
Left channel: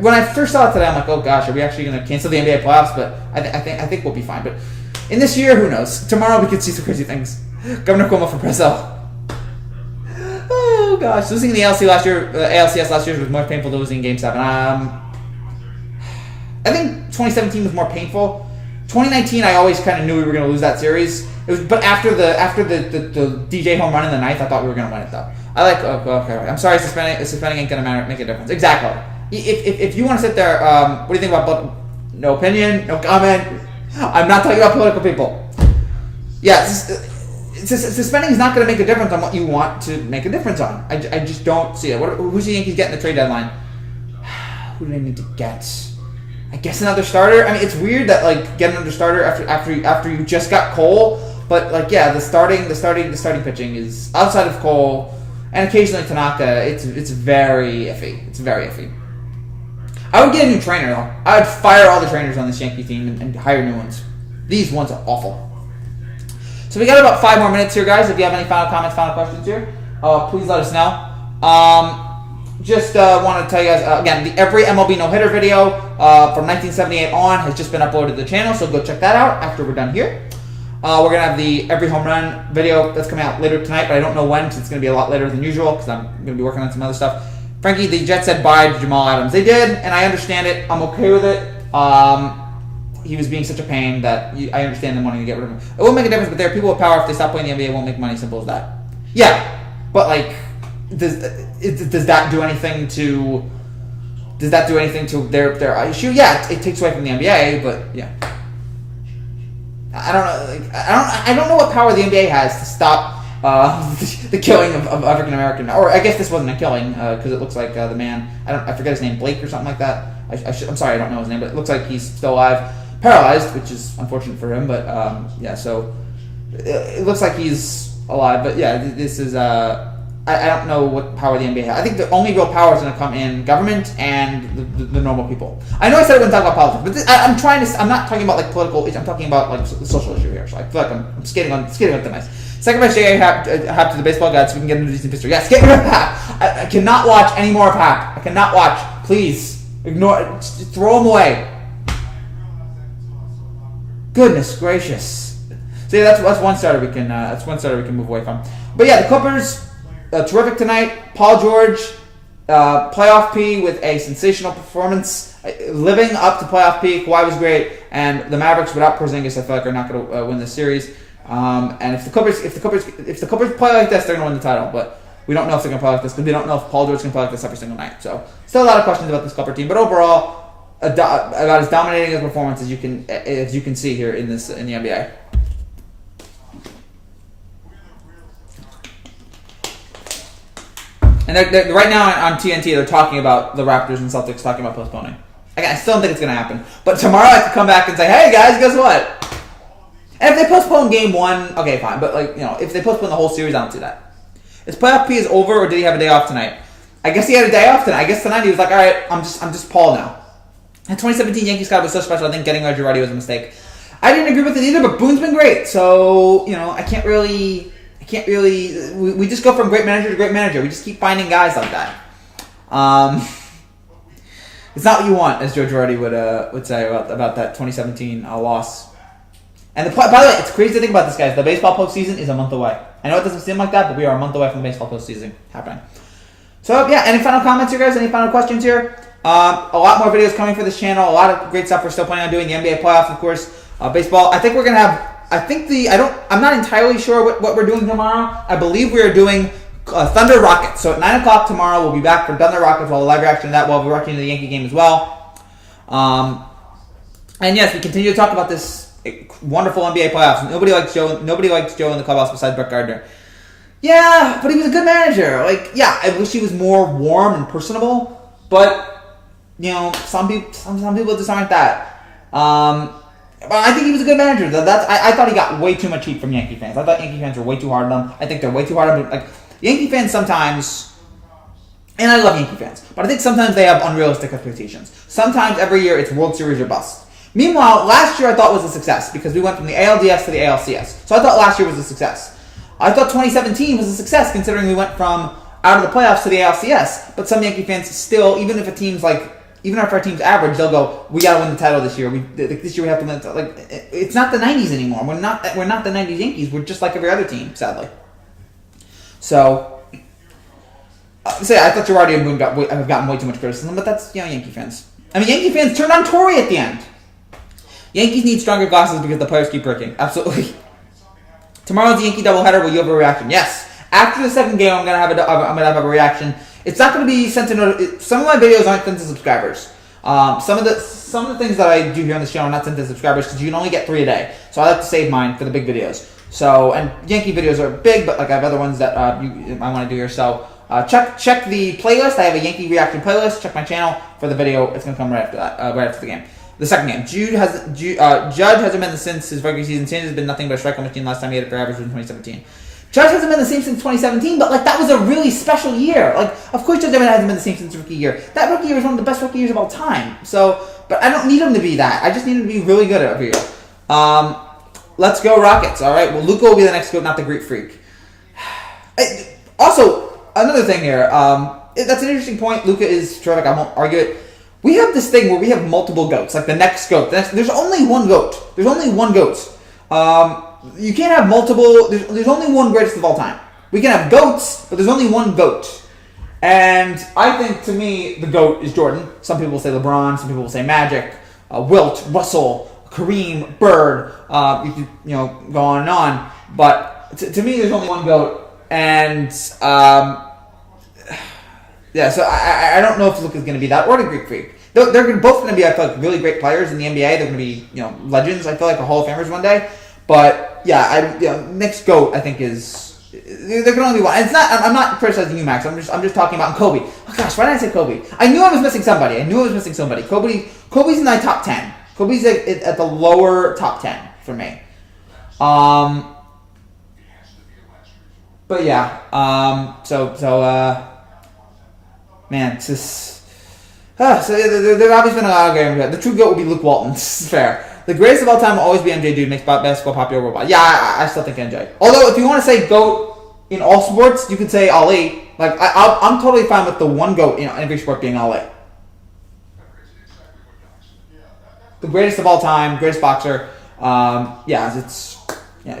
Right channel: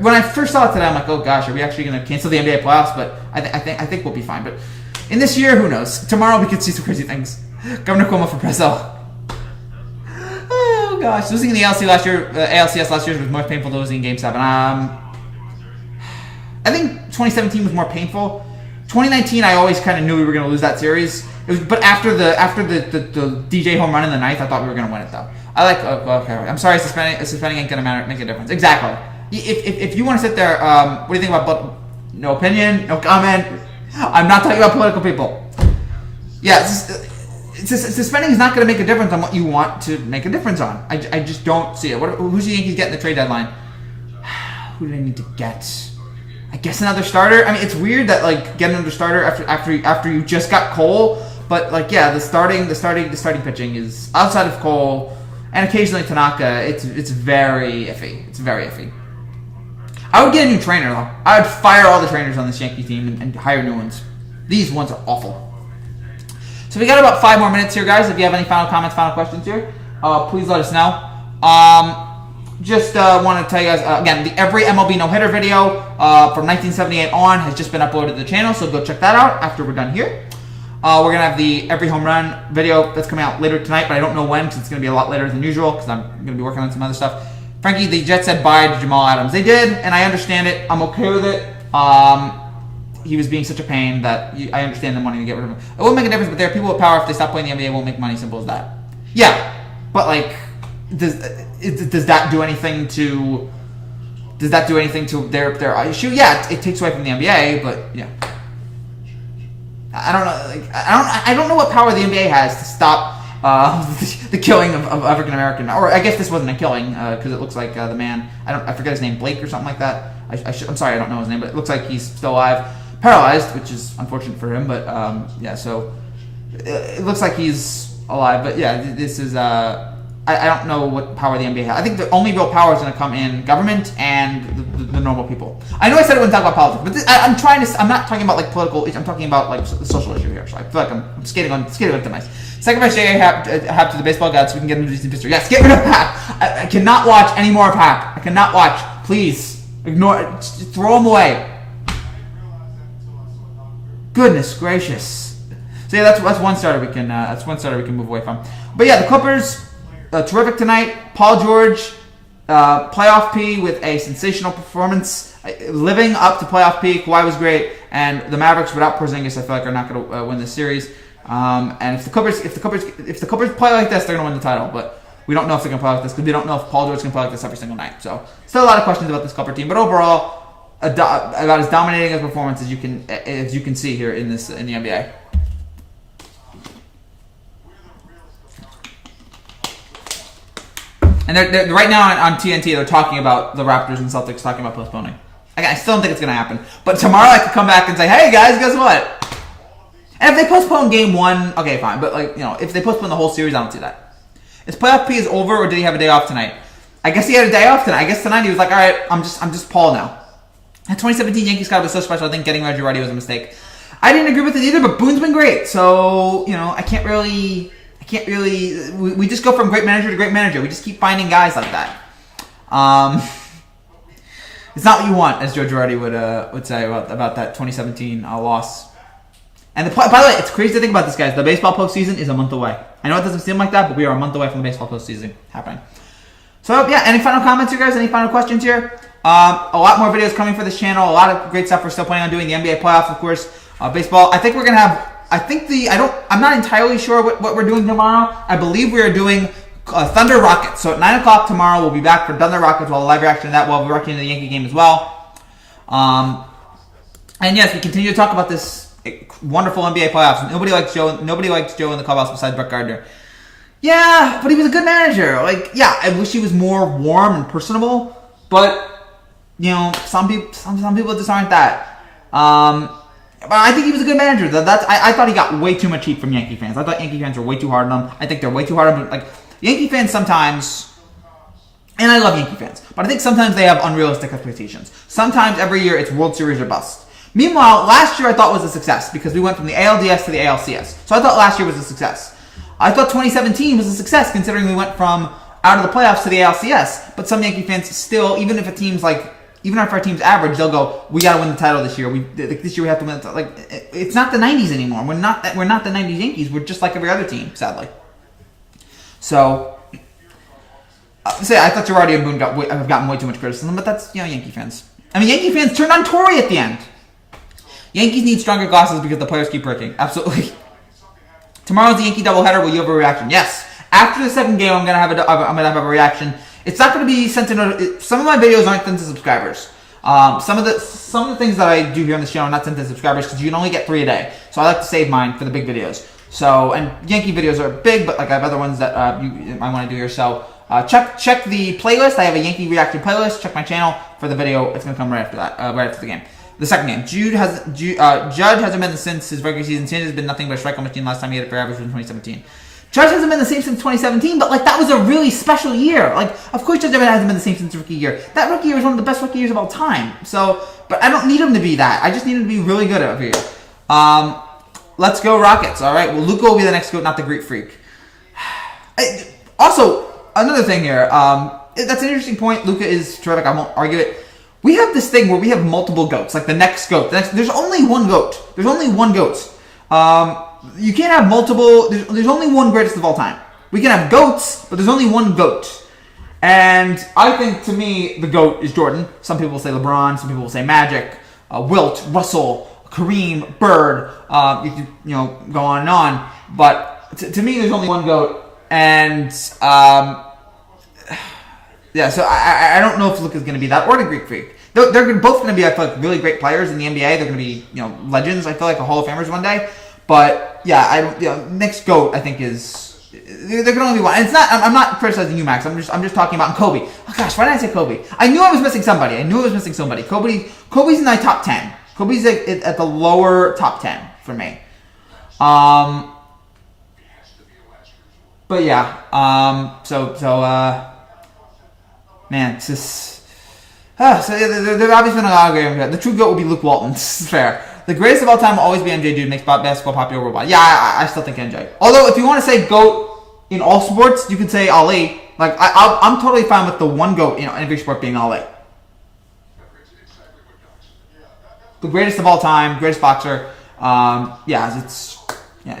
when I first saw it today, I'm like, oh gosh, are we actually going to cancel the NBA playoffs? But I think we'll be fine. But in this year, who knows? Tomorrow we could see some crazy things. Governor Cuomo for Preso. Oh gosh, losing in the ALCS last year was more painful than losing in Game 7. I think 2017 was more painful. 2019, I always kind of knew we were going to lose that series. But after the DJ home run in the ninth, I thought we were going to win it though. Okay. I'm sorry, suspending ain't going to make a difference. Exactly. If you want to sit there, what do you think about? No opinion, no comment. I'm not talking about political people. Yeah, suspending is not going to make a difference on what you want to make a difference on. I just don't see it. Who's the Yankees getting the trade deadline? Who do they need to get? I guess another starter. I mean, it's weird that like getting another starter after you just got Cole, but like yeah, the starting pitching is outside of Cole and occasionally Tanaka. It's very iffy. It's very iffy. I would get a new trainer though. I would fire all the trainers on this Yankee team and hire new ones. These ones are awful. So we got about 5 more minutes here, guys. If you have any final comments, final questions here, please let us know. Just want to tell you guys, again, the every MLB no-hitter video from 1978 on has just been uploaded to the channel, so go check that out after we're done here. We're going to have the every home run video that's coming out later tonight, but I don't know when, because it's going to be a lot later than usual, because I'm going to be working on some other stuff. Frankie, the Jets said bye to Jamal Adams. They did, and I understand it. I'm okay with it. He was being such a pain that I understand them wanting to get rid of him. It won't make a difference, but there are people with power. If they stop playing the NBA, it won't make money. Simple as that. Yeah, but like... Does that do anything to their issue? Yeah, it takes away from the NBA, but yeah, I don't know. Like, I don't know what power the NBA has to stop the killing of African American. Or I guess this wasn't a killing because it looks like the man. I forget his name, Blake or something like that. I'm sorry, I don't know his name, but it looks like he's still alive, paralyzed, which is unfortunate for him. But yeah, so it looks like he's alive. But yeah, this is I don't know what power the NBA has. I think the only real power is going to come in government and the normal people. I know I said I wouldn't talk about politics, but I'm not talking about like political. I'm talking about like the social issue here. So I feel like I'm skating on the ice. Sacrifice J.A. Happ to the baseball gods so we can get into decent history. Yes, get rid of Happ. I cannot watch any more of Happ. I cannot watch. Please ignore it. Just throw him away. Goodness gracious. So yeah, that's one starter we can move away from. But yeah, the Clippers. Terrific tonight. Paul George, playoff P with a sensational performance, living up to playoff P. Kawhi was great, and the Mavericks without Porzingis, I feel like are not going to win this series. And if the Clippers play like this, they're going to win the title. But we don't know if they're going to play like this because we don't know if Paul George can play like this every single night. So still a lot of questions about this Clipper team. But overall, about as dominating a performance as you can see here in the NBA. And they're right now on TNT, they're talking about the Raptors and Celtics talking about postponing. I still don't think it's going to happen. But tomorrow I could come back and say, hey, guys, guess what? And if they postpone Game 1, okay, fine. But, like, you know, if they postpone the whole series, I don't see that. Is playoff P is over, or did he have a day off tonight? I guess he had a day off tonight. I guess tonight he was like, all right, I'm just Paul now. And 2017 Yankees squad was so special, I think getting Reggie Roddy was a mistake. I didn't agree with it either, but Boone's been great. So, you know, I can't really... We just go from great manager to great manager. We just keep finding guys like that. It's not what you want, as Joe Girardi would say about that 2017 loss. And by the way, it's crazy to think about this, guys. The baseball postseason is a month away. I know it doesn't seem like that, but we are a month away from the baseball postseason happening. So yeah, any final comments here, guys? Any final questions here? A lot more videos coming for this channel. A lot of great stuff we're still planning on doing. The NBA playoffs, of course. Baseball. I think we're gonna have. I'm not entirely sure what we're doing tomorrow. I believe we are doing Thunder Rockets. So at 9 o'clock tomorrow, we'll be back for Thunder Rockets. We'll have a live reaction to that. We'll be reacting to the Yankee game as well. And yes, we continue to talk about this wonderful NBA playoffs. Nobody likes Joe in the clubhouse besides Brett Gardner. Yeah, but he was a good manager. Like, yeah, I wish he was more warm and personable. But you know, some people just aren't that. But I think he was a good manager. I thought he got way too much heat from Yankee fans. I thought Yankee fans were way too hard on him. I think they're way too hard on him. Like, Yankee fans sometimes, and I love Yankee fans, but I think sometimes they have unrealistic expectations. Sometimes every year it's World Series or bust. Meanwhile, last year I thought was a success because we went from the ALDS to the ALCS. So I thought last year was a success. I thought 2017 was a success considering we went from out of the playoffs to the ALCS. But some Yankee fans still, even if our team's average, they'll go, we got to win the title this year. This year we have to win. It's not the 90s anymore. We're not the 90s Yankees. We're just like every other team, sadly. So, I thought Girardi and Boone have gotten way too much criticism, but that's, Yankee fans. I mean, Yankee fans turned on Torrey at the end. Yankees need stronger glasses because the players keep breaking. Absolutely. Tomorrow's the Yankee doubleheader. Will you have a reaction? Yes. After the second game, I'm gonna have a reaction. It's not gonna be sent to some of my videos aren't sent to subscribers. Some of the things that I do here on the channel are not sent to subscribers because you can only get 3 a day. So I like to save mine for the big videos. So, and Yankee videos are big, but like I have other ones that I want to do here. So check the playlist. I have a Yankee reaction playlist. Check my channel for the video. It's gonna come right after that, right after the game. The second game. Judge hasn't been since his regular season. Sin has been nothing but a strikeout machine. Last time he had it for average was in 2017. Judge hasn't been the same since 2017, but that was a really special year. Of course Judge hasn't been the same since rookie year. That rookie year was one of the best rookie years of all time. So, but I don't need him to be that. I just need him to be really good over here. Let's go Rockets. All right. Well, Luka will be the next GOAT, not the Greek Freak. Also, another thing here. That's an interesting point. Luka is terrific. I won't argue it. We have this thing where we have multiple GOATs, like the next GOAT. There's only one GOAT. There's only one GOAT. You can't have multiple. There's only one greatest of all time. We can have GOATs, but there's only one GOAT. And I think, to me, the GOAT is Jordan. Some people will say LeBron. Some people will say Magic, Wilt, Russell, Kareem, Bird. You can, go on and on. But to me, there's only one GOAT. And yeah, so I don't know if Luka's going to be that or the Greek Freak. They're both going to be, I feel like, really great players in the NBA. They're going to be, legends. I feel like a Hall of Famers one day. But yeah, next GOAT I think is there can only be one. And it's not. I'm not criticizing you, Max. I'm just talking about Kobe. Oh gosh, why did I say Kobe? I knew I was missing somebody. Kobe's in my top 10. Kobe's at the lower top 10 for me. But yeah. Man, it's just. So there obviously been a lot of games. The true GOAT will be Luke Walton. This is fair. The greatest of all time will always be MJ, dude. Makes basketball popular worldwide. Yeah, I still think MJ. Although, if you want to say GOAT in all sports, you could say Ali. I'm totally fine with the one GOAT in every sport being Ali. The greatest of all time, greatest boxer.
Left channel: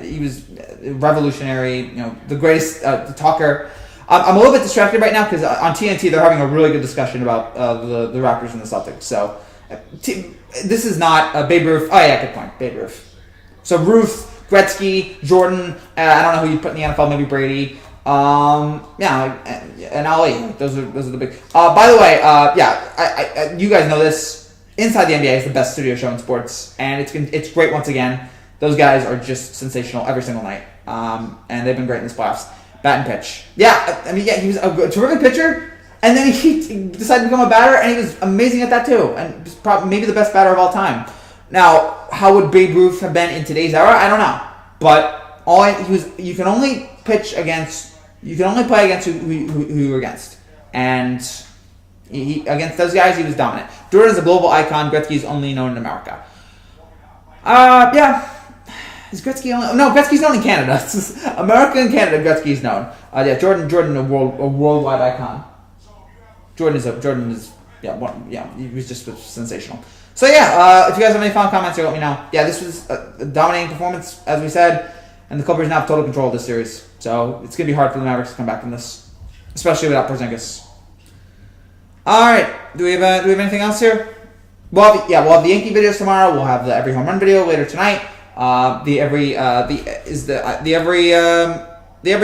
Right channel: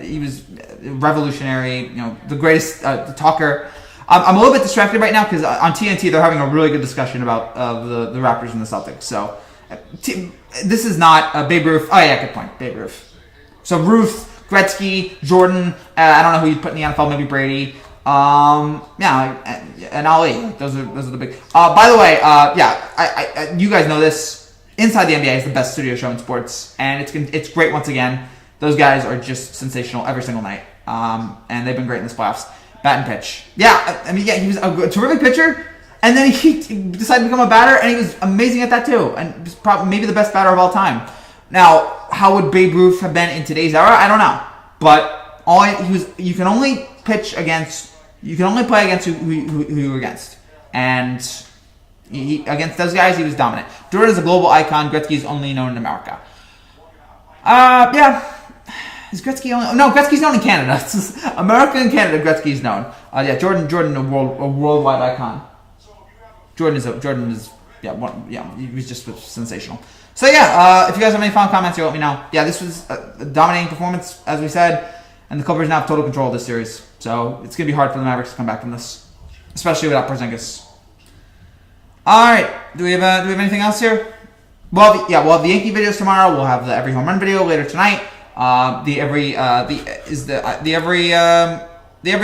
He was revolutionary. The greatest talker. I'm a little bit distracted right now because on TNT they're having a really good discussion about the Raptors and the Celtics. So this is not Babe Ruth. Oh yeah, good point. Babe Ruth. So Ruth, Gretzky, Jordan. I don't know who you'd put in the NFL. Maybe Brady. And Ali. Those are the big. By the way, I you guys know this. Inside the NBA is the best studio show in sports, and it's great once again. Those guys are just sensational every single night, and they've been great in this playoffs. Bat and pitch. Yeah, he was a terrific pitcher, and then he decided to become a batter, and he was amazing at that too, and was probably maybe the best batter of all time. Now, how would Babe Ruth have been in today's era? I don't know, but you can only play against who you were against, and against those guys he was dominant. Jordan is a global icon. Gretzky is only known in America. Yeah. Is Gretzky only? No, Gretzky's known in Canada. America and Canada, Gretzky's known. Jordan, a worldwide icon. Jordan is he was just sensational. So yeah, if you guys have any final comments here, let me know. Yeah, this was a dominating performance, as we said, and the Clippers now have total control of this series. So it's gonna be hard for the Mavericks to come back from this, especially without Porzingis. All right, do we have anything else here? We'll have the Yankee videos tomorrow. We'll have the every home run video later tonight. The every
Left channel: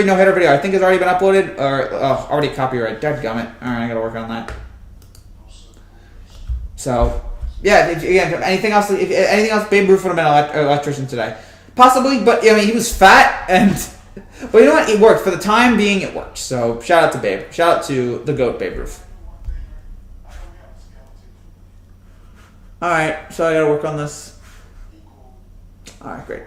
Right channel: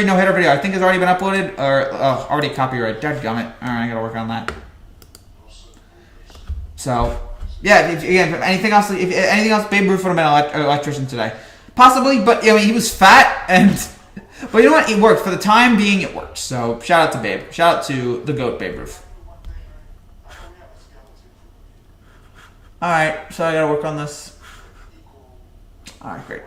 no hitter video I think has already been uploaded or already copyrighted. Dadgummit. All right, I gotta work on that. So yeah, if anything else, Babe Ruth would have been an electrician today, possibly. But he was fat but you know what? It worked for the time being. It worked. So shout out to Babe. Shout out to the GOAT Babe Ruth. All right, so I gotta work on this. All right, great.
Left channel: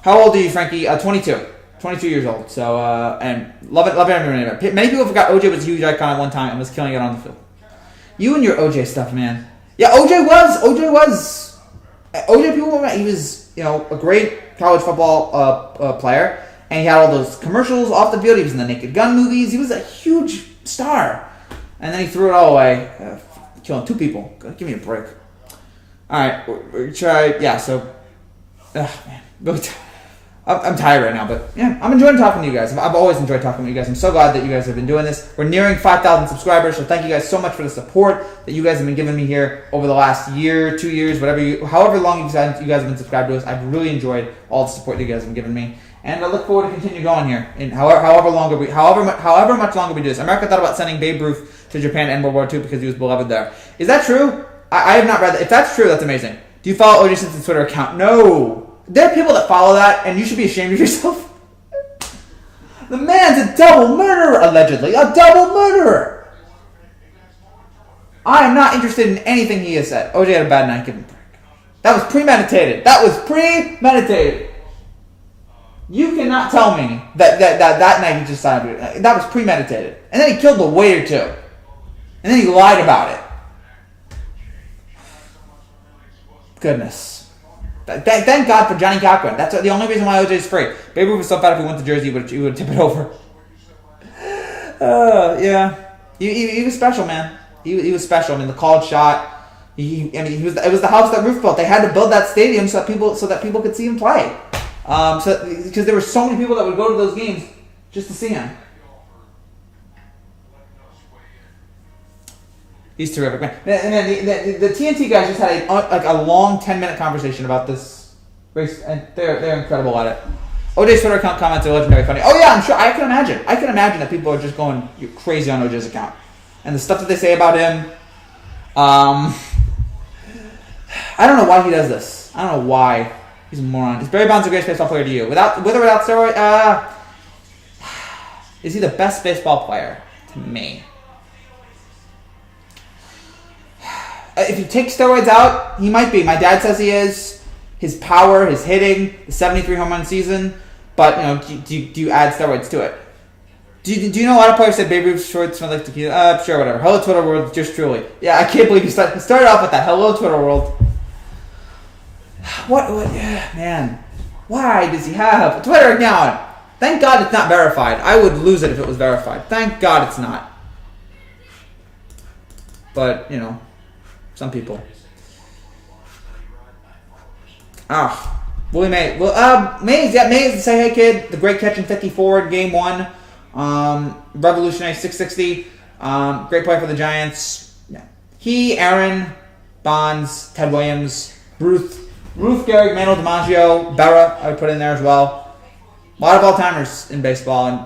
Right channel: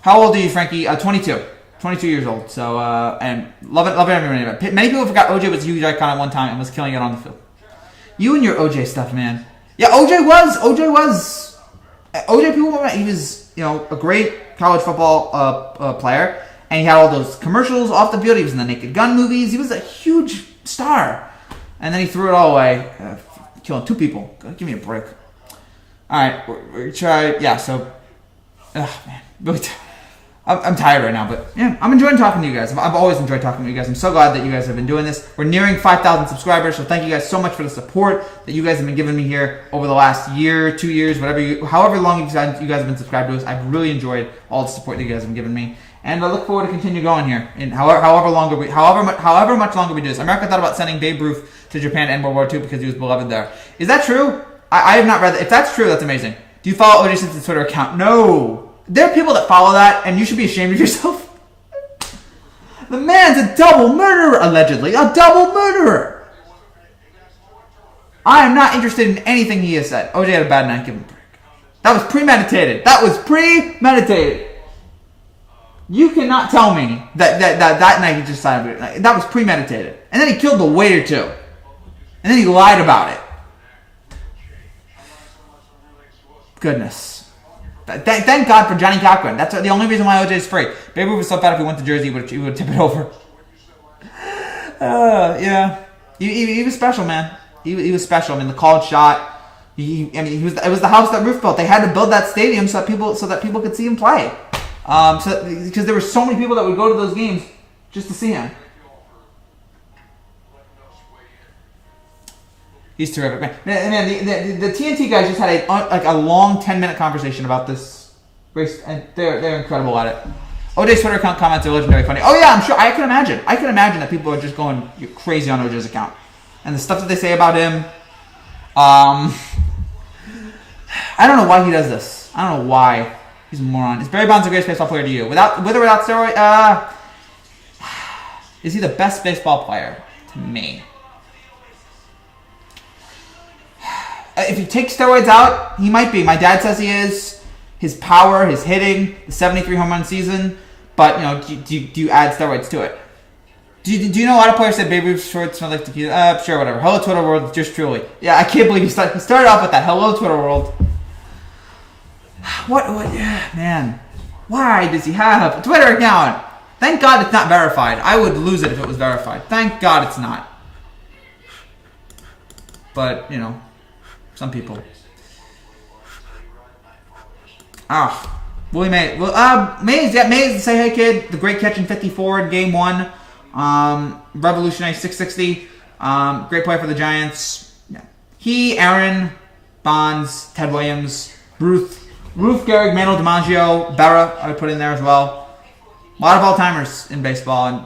How old are you, Frankie? 22. 22 years old. So, and love it everyone. Many people forgot OJ was a huge icon at one time and was killing it on the field. You and your OJ stuff, man. Yeah, OJ. People remember he was a great college football player, and he had all those commercials off the field. He was in the Naked Gun movies. He was a huge star, and then he threw it all away, killing 2 people. Give me a break. All right, we try. Yeah, so, man, I'm tired right now, but yeah, I'm enjoying talking to you guys. I've always enjoyed talking to you guys. I'm so glad that you guys have been doing this. We're nearing 5,000 subscribers, so thank you guys so much for the support that you guys have been giving me here over the last year, 2 years, however long you guys have been subscribed to us. I've really enjoyed all the support that you guys have been giving me, and I look forward to continue going here. And however much longer we do this. America thought about sending Babe Ruth to Japan to end World War II because he was beloved there. Is that true? I have not read that. If that's true, that's amazing. Do you follow O.J. Simpson's Twitter account? No. There are people that follow that, and you should be ashamed of yourself. The man's a double murderer, allegedly. A double murderer. I am not interested in anything he has said. OJ had a bad night. Give him a break. That was premeditated. You cannot tell me that night he just signed up. That was premeditated. And then he killed the waiter, too. And then he lied about it. Goodness. Thank God for Johnny Cochran. That's the only reason why OJ is free. Babe Ruth was so bad if he went to Jersey, he would tip it over. Yeah. He was special, man. He was special. I mean, the called shot. It was the house that Ruth built. They had to build that stadium so that people could see him play. Because there were so many people that would go to those games just to see him. He's terrific, man. The TNT guys just had a long 10-minute conversation about this race, and they're incredible at it. OJ's Twitter account comments are legendary funny. Oh yeah, I'm sure. I can imagine that people are just going crazy on OJ's account, and the stuff that they say about him. I don't know why he does this. I don't know why he's a moron. Is Barry Bonds the greatest baseball player to you? With or without steroid? Is he the best baseball player to me? If you take steroids out, he might be. My dad says he is. His power, his hitting, the 73 home run season. But, do you add steroids to it? Do you know a lot of players said Babe Ruth's shorts smell like tequila? Sure, whatever. Hello, Twitter world, just truly. Yeah, I can't believe you started off with that. Hello, Twitter world. What? Man. Why does he have a Twitter account? Thank God it's not verified. I would lose it if it was verified. Thank God it's not. But, some people. Willie Mays. Mays to say, hey kid, the great catch in 54 in game 1. Revolutionary 660. Great play for the Giants. Yeah. He, Aaron, Bonds, Ted Williams, Ruth, Gehrig, Manuel DiMaggio, Berra, I would put in there as well. A lot of all-timers in baseball, and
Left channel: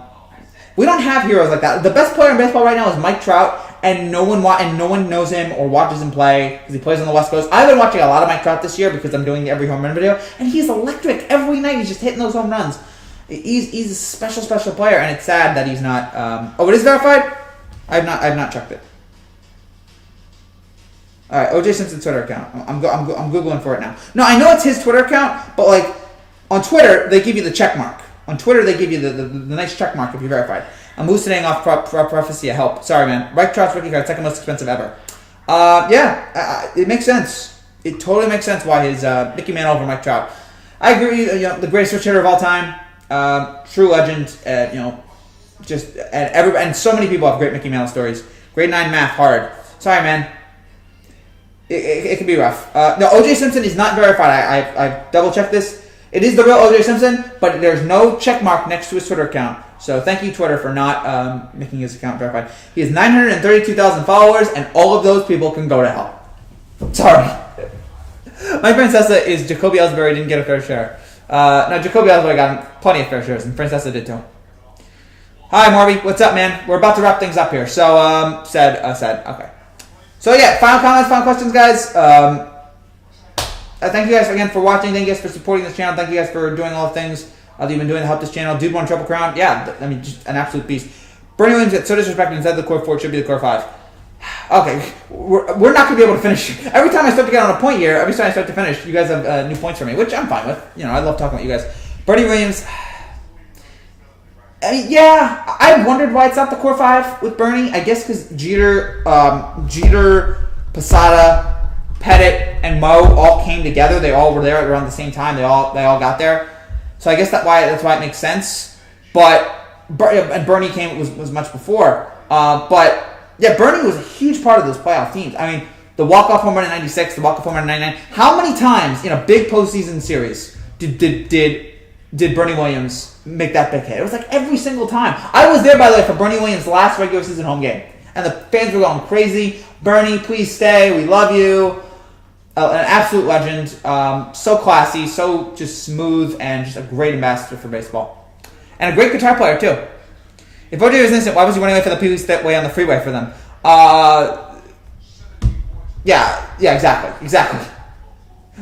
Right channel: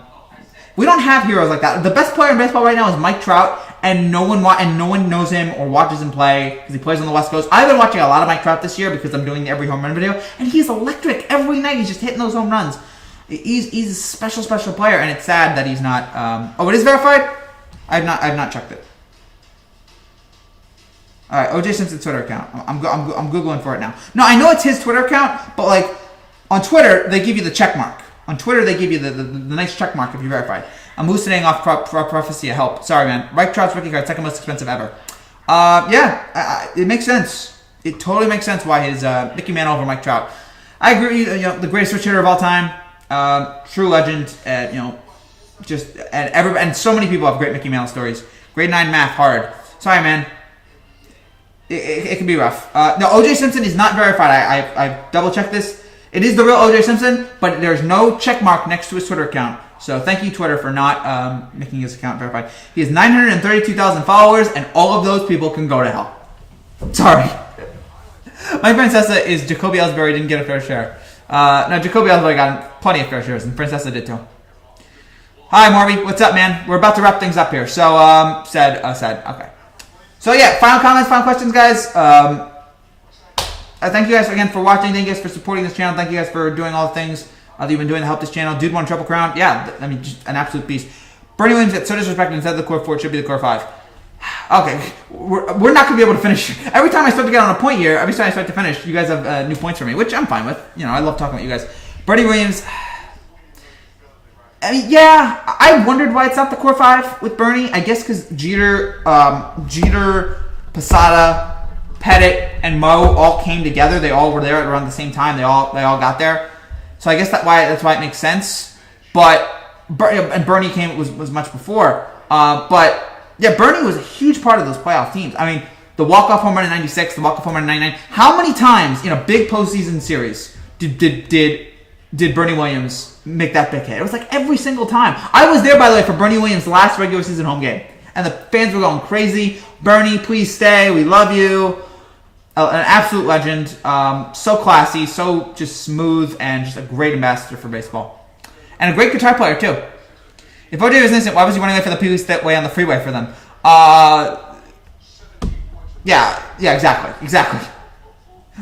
we don't have heroes like that. The best player in baseball right now is Mike Trout, and no one knows him or watches him play because he plays on the West Coast. I've been watching a lot of Mike Trout this year because I'm doing the every home run video, and he's electric every night. He's just hitting those home runs. He's a special player, and it's sad that he's not. It is verified. I have not checked it. All right, O.J. Simpson's Twitter account. I'm googling for it now. No, I know it's his Twitter account, but on Twitter they give you the check mark. On Twitter they give you the nice check mark if you're verified. I'm hallucinating off prophecy of help. Sorry, man. Mike Trout's rookie card, second most expensive ever. It makes sense. It totally makes sense why his Mickey Mantle over Mike Trout. I agree. The greatest switch hitter of all time, true legend. And so many people have great Mickey Mantle stories. Grade 9 math hard. Sorry, man. It can be rough. No, O.J. Simpson is not verified. I double checked this. It is the real O.J. Simpson, but there's no check mark next to his Twitter account. So thank you, Twitter, for not making his account verified. He has 932,000 followers, and all of those people can go to hell. Sorry. My Francesa is Jacoby Ellsbury didn't get a fair share. No, Jacoby Ellsbury got plenty of fair shares, and Francesa did too. Hi, Marvy. What's up, man? We're about to wrap things up here. So, said. Okay. So, yeah, final comments, final questions, guys. Thank you guys again for watching. Thank you guys for supporting this channel. Thank you guys for doing all the things that you've been doing to help this channel. Dude won Triple Crown. Yeah, just an absolute beast. Bernie Williams gets so disrespected and said the core 4 should be the core 5. Okay, we're not going to be able to finish. Every time I start to get on a point here, every time I start to finish, you guys have new points for me, which I'm fine with. I love talking about you guys. Bernie Williams. I wondered why it's not the core 5 with Bernie. I guess because Jeter, Posada, Pettit, and Mo all came together. They all were there around the same time. They all got there. So I guess that's why it makes sense. But and Bernie was much before. But yeah, Bernie was a huge part of those playoff teams. I mean, the walk-off home run in '96, the walk-off home run in '99. How many times in a big postseason series did Bernie Williams make that big hit? It was like every single time. I was there, by the way, for Bernie Williams' last regular season home game, and the fans were going crazy. Bernie, please stay. We love you. An absolute legend. So classy, so just smooth, and just a great ambassador for baseball. And a great guitar player, too. If OJ was innocent, why was he running away for the police that way on the freeway for them? Yeah, exactly.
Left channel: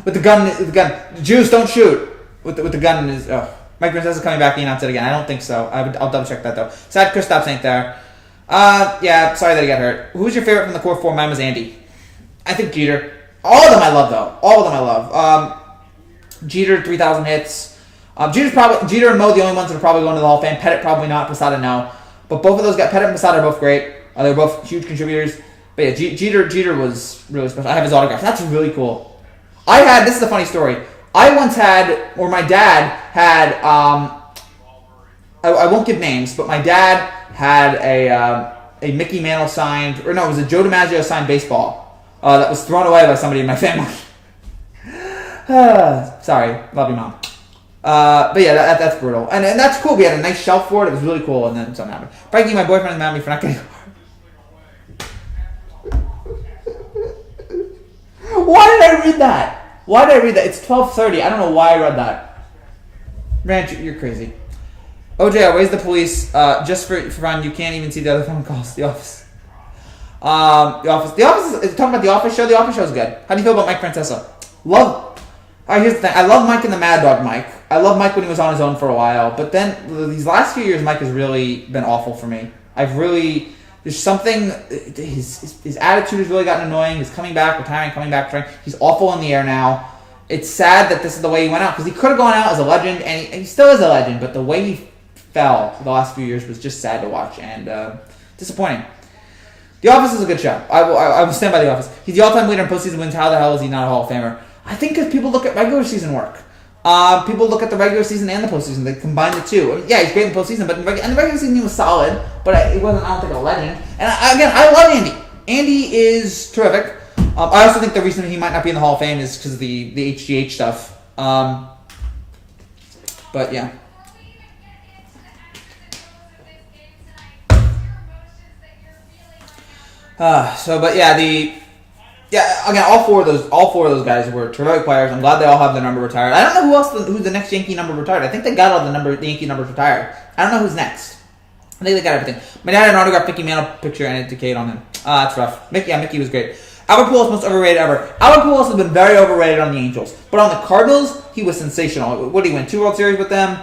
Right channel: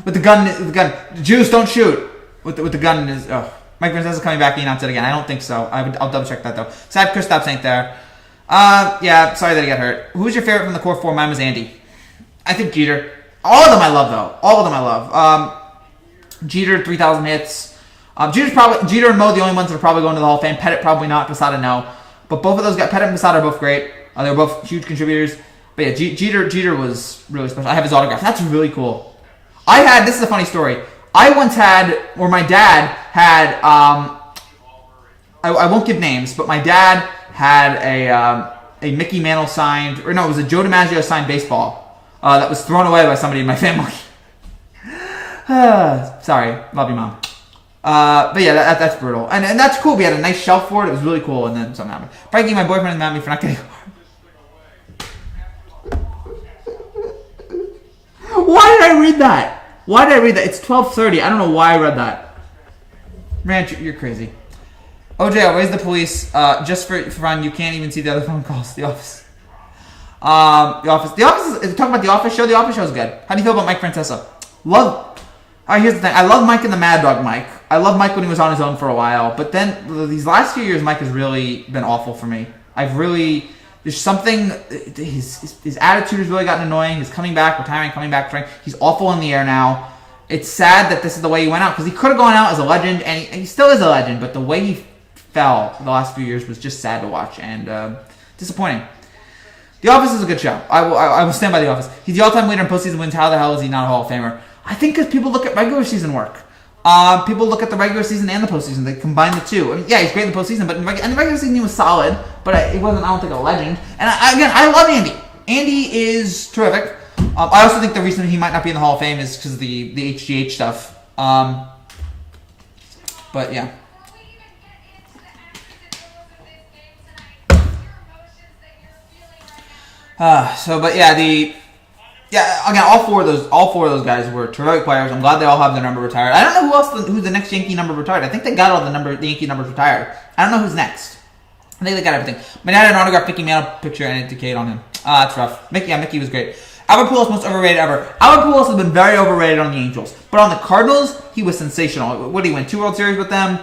With the gun. Jews don't shoot. With the gun is. Oh, Mike Princess is coming back. He announced it again. I don't think so. I'll double check that though. Sad Kristaps ain't there. Yeah, sorry that he got hurt. Who's your favorite from the core four? Mine was Andy. I think Jeter. All of them I love though. All of them I love. Jeter 3,000 hits. Jeter and Mo the only ones that are probably going to the Hall of Fame. Pettit probably not. Posada no. But both of those guys, Pettit and Posada, are both great. They were both huge contributors. But yeah, Jeter was really special. I have his autograph. That's really cool. This is a funny story. I once had, or my dad had, I won't give names, but my dad had a Mickey Mantle signed, or no, it was a Joe DiMaggio signed baseball that was thrown away by somebody in my family. Sorry, love you, Mom. But yeah, that's brutal. And that's cool. We had a nice shelf for it. It was really cool, and then something happened. Frankie, my boyfriend, is mad at me for not getting. Why did I read that? It's 12:30. I don't know why I read that. Ranch, you're crazy. OJ, I'll raise the police. Just for fun, you can't even see the other phone calls. The Office. The Office is talking about The Office show. The Office show is good. How do you feel about Mike Francesa? Love. All right, here's the thing. I love Mike and the Mad Dog Mike. I love Mike when he was on his own for a while. But then these last few years, Mike has really been awful for me. There's something, his attitude has really gotten annoying. He's coming back, retiring. He's awful in the air now. It's sad that this is the way he went out, because he could have gone out as a legend, and he still is a legend, but the way he fell the last few years was just sad to watch and disappointing. The Office is a good show. I will stand by The Office. He's the all-time leader in postseason wins. How the hell is he not a Hall of Famer? I think because people look at regular season work. People look at the regular season and the postseason. They combine the two. I mean, yeah, he's great in the postseason, but in the regular season he was solid, but he wasn't, I don't think, a legend. And I love Andy. Andy is terrific. I also think the reason he might not be in the Hall of Fame is because of the HGH stuff. But yeah. Again, all four of those guys were terrific players. I'm glad they all have their number retired. I don't know who's the next Yankee number retired. I think they got all the Yankee numbers retired. I don't know who's next. I think they got everything. My dad had an autographed Mickey Mantle picture and it decayed on him. That's rough. Mickey was great. Albert Pujols, most overrated ever. Albert Pujols has been very overrated on the Angels, but on the Cardinals, he was sensational. What did he win? 2 World Series with them.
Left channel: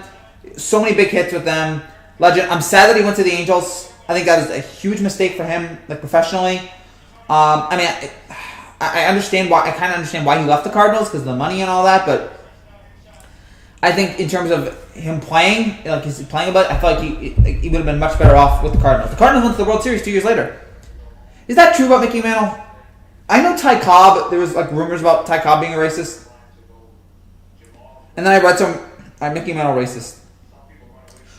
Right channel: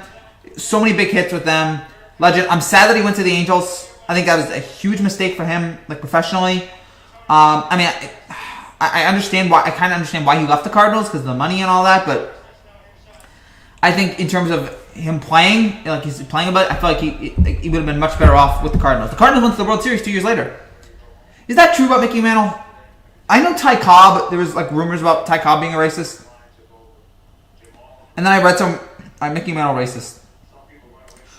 So many big hits with them. Legend. I'm sad that he went to the Angels. I think that was a huge mistake for him, like professionally. I understand why. I kind of understand why he left the Cardinals because of the money and all that. But I think in terms of him playing, like he's playing about, I feel like he would have been much better off with the Cardinals. The Cardinals went to the World Series 2 years later. Is that true about Mickey Mantle? I know Ty Cobb. There was like rumors about Ty Cobb being a racist, and then I read some Mickey Mantle racist.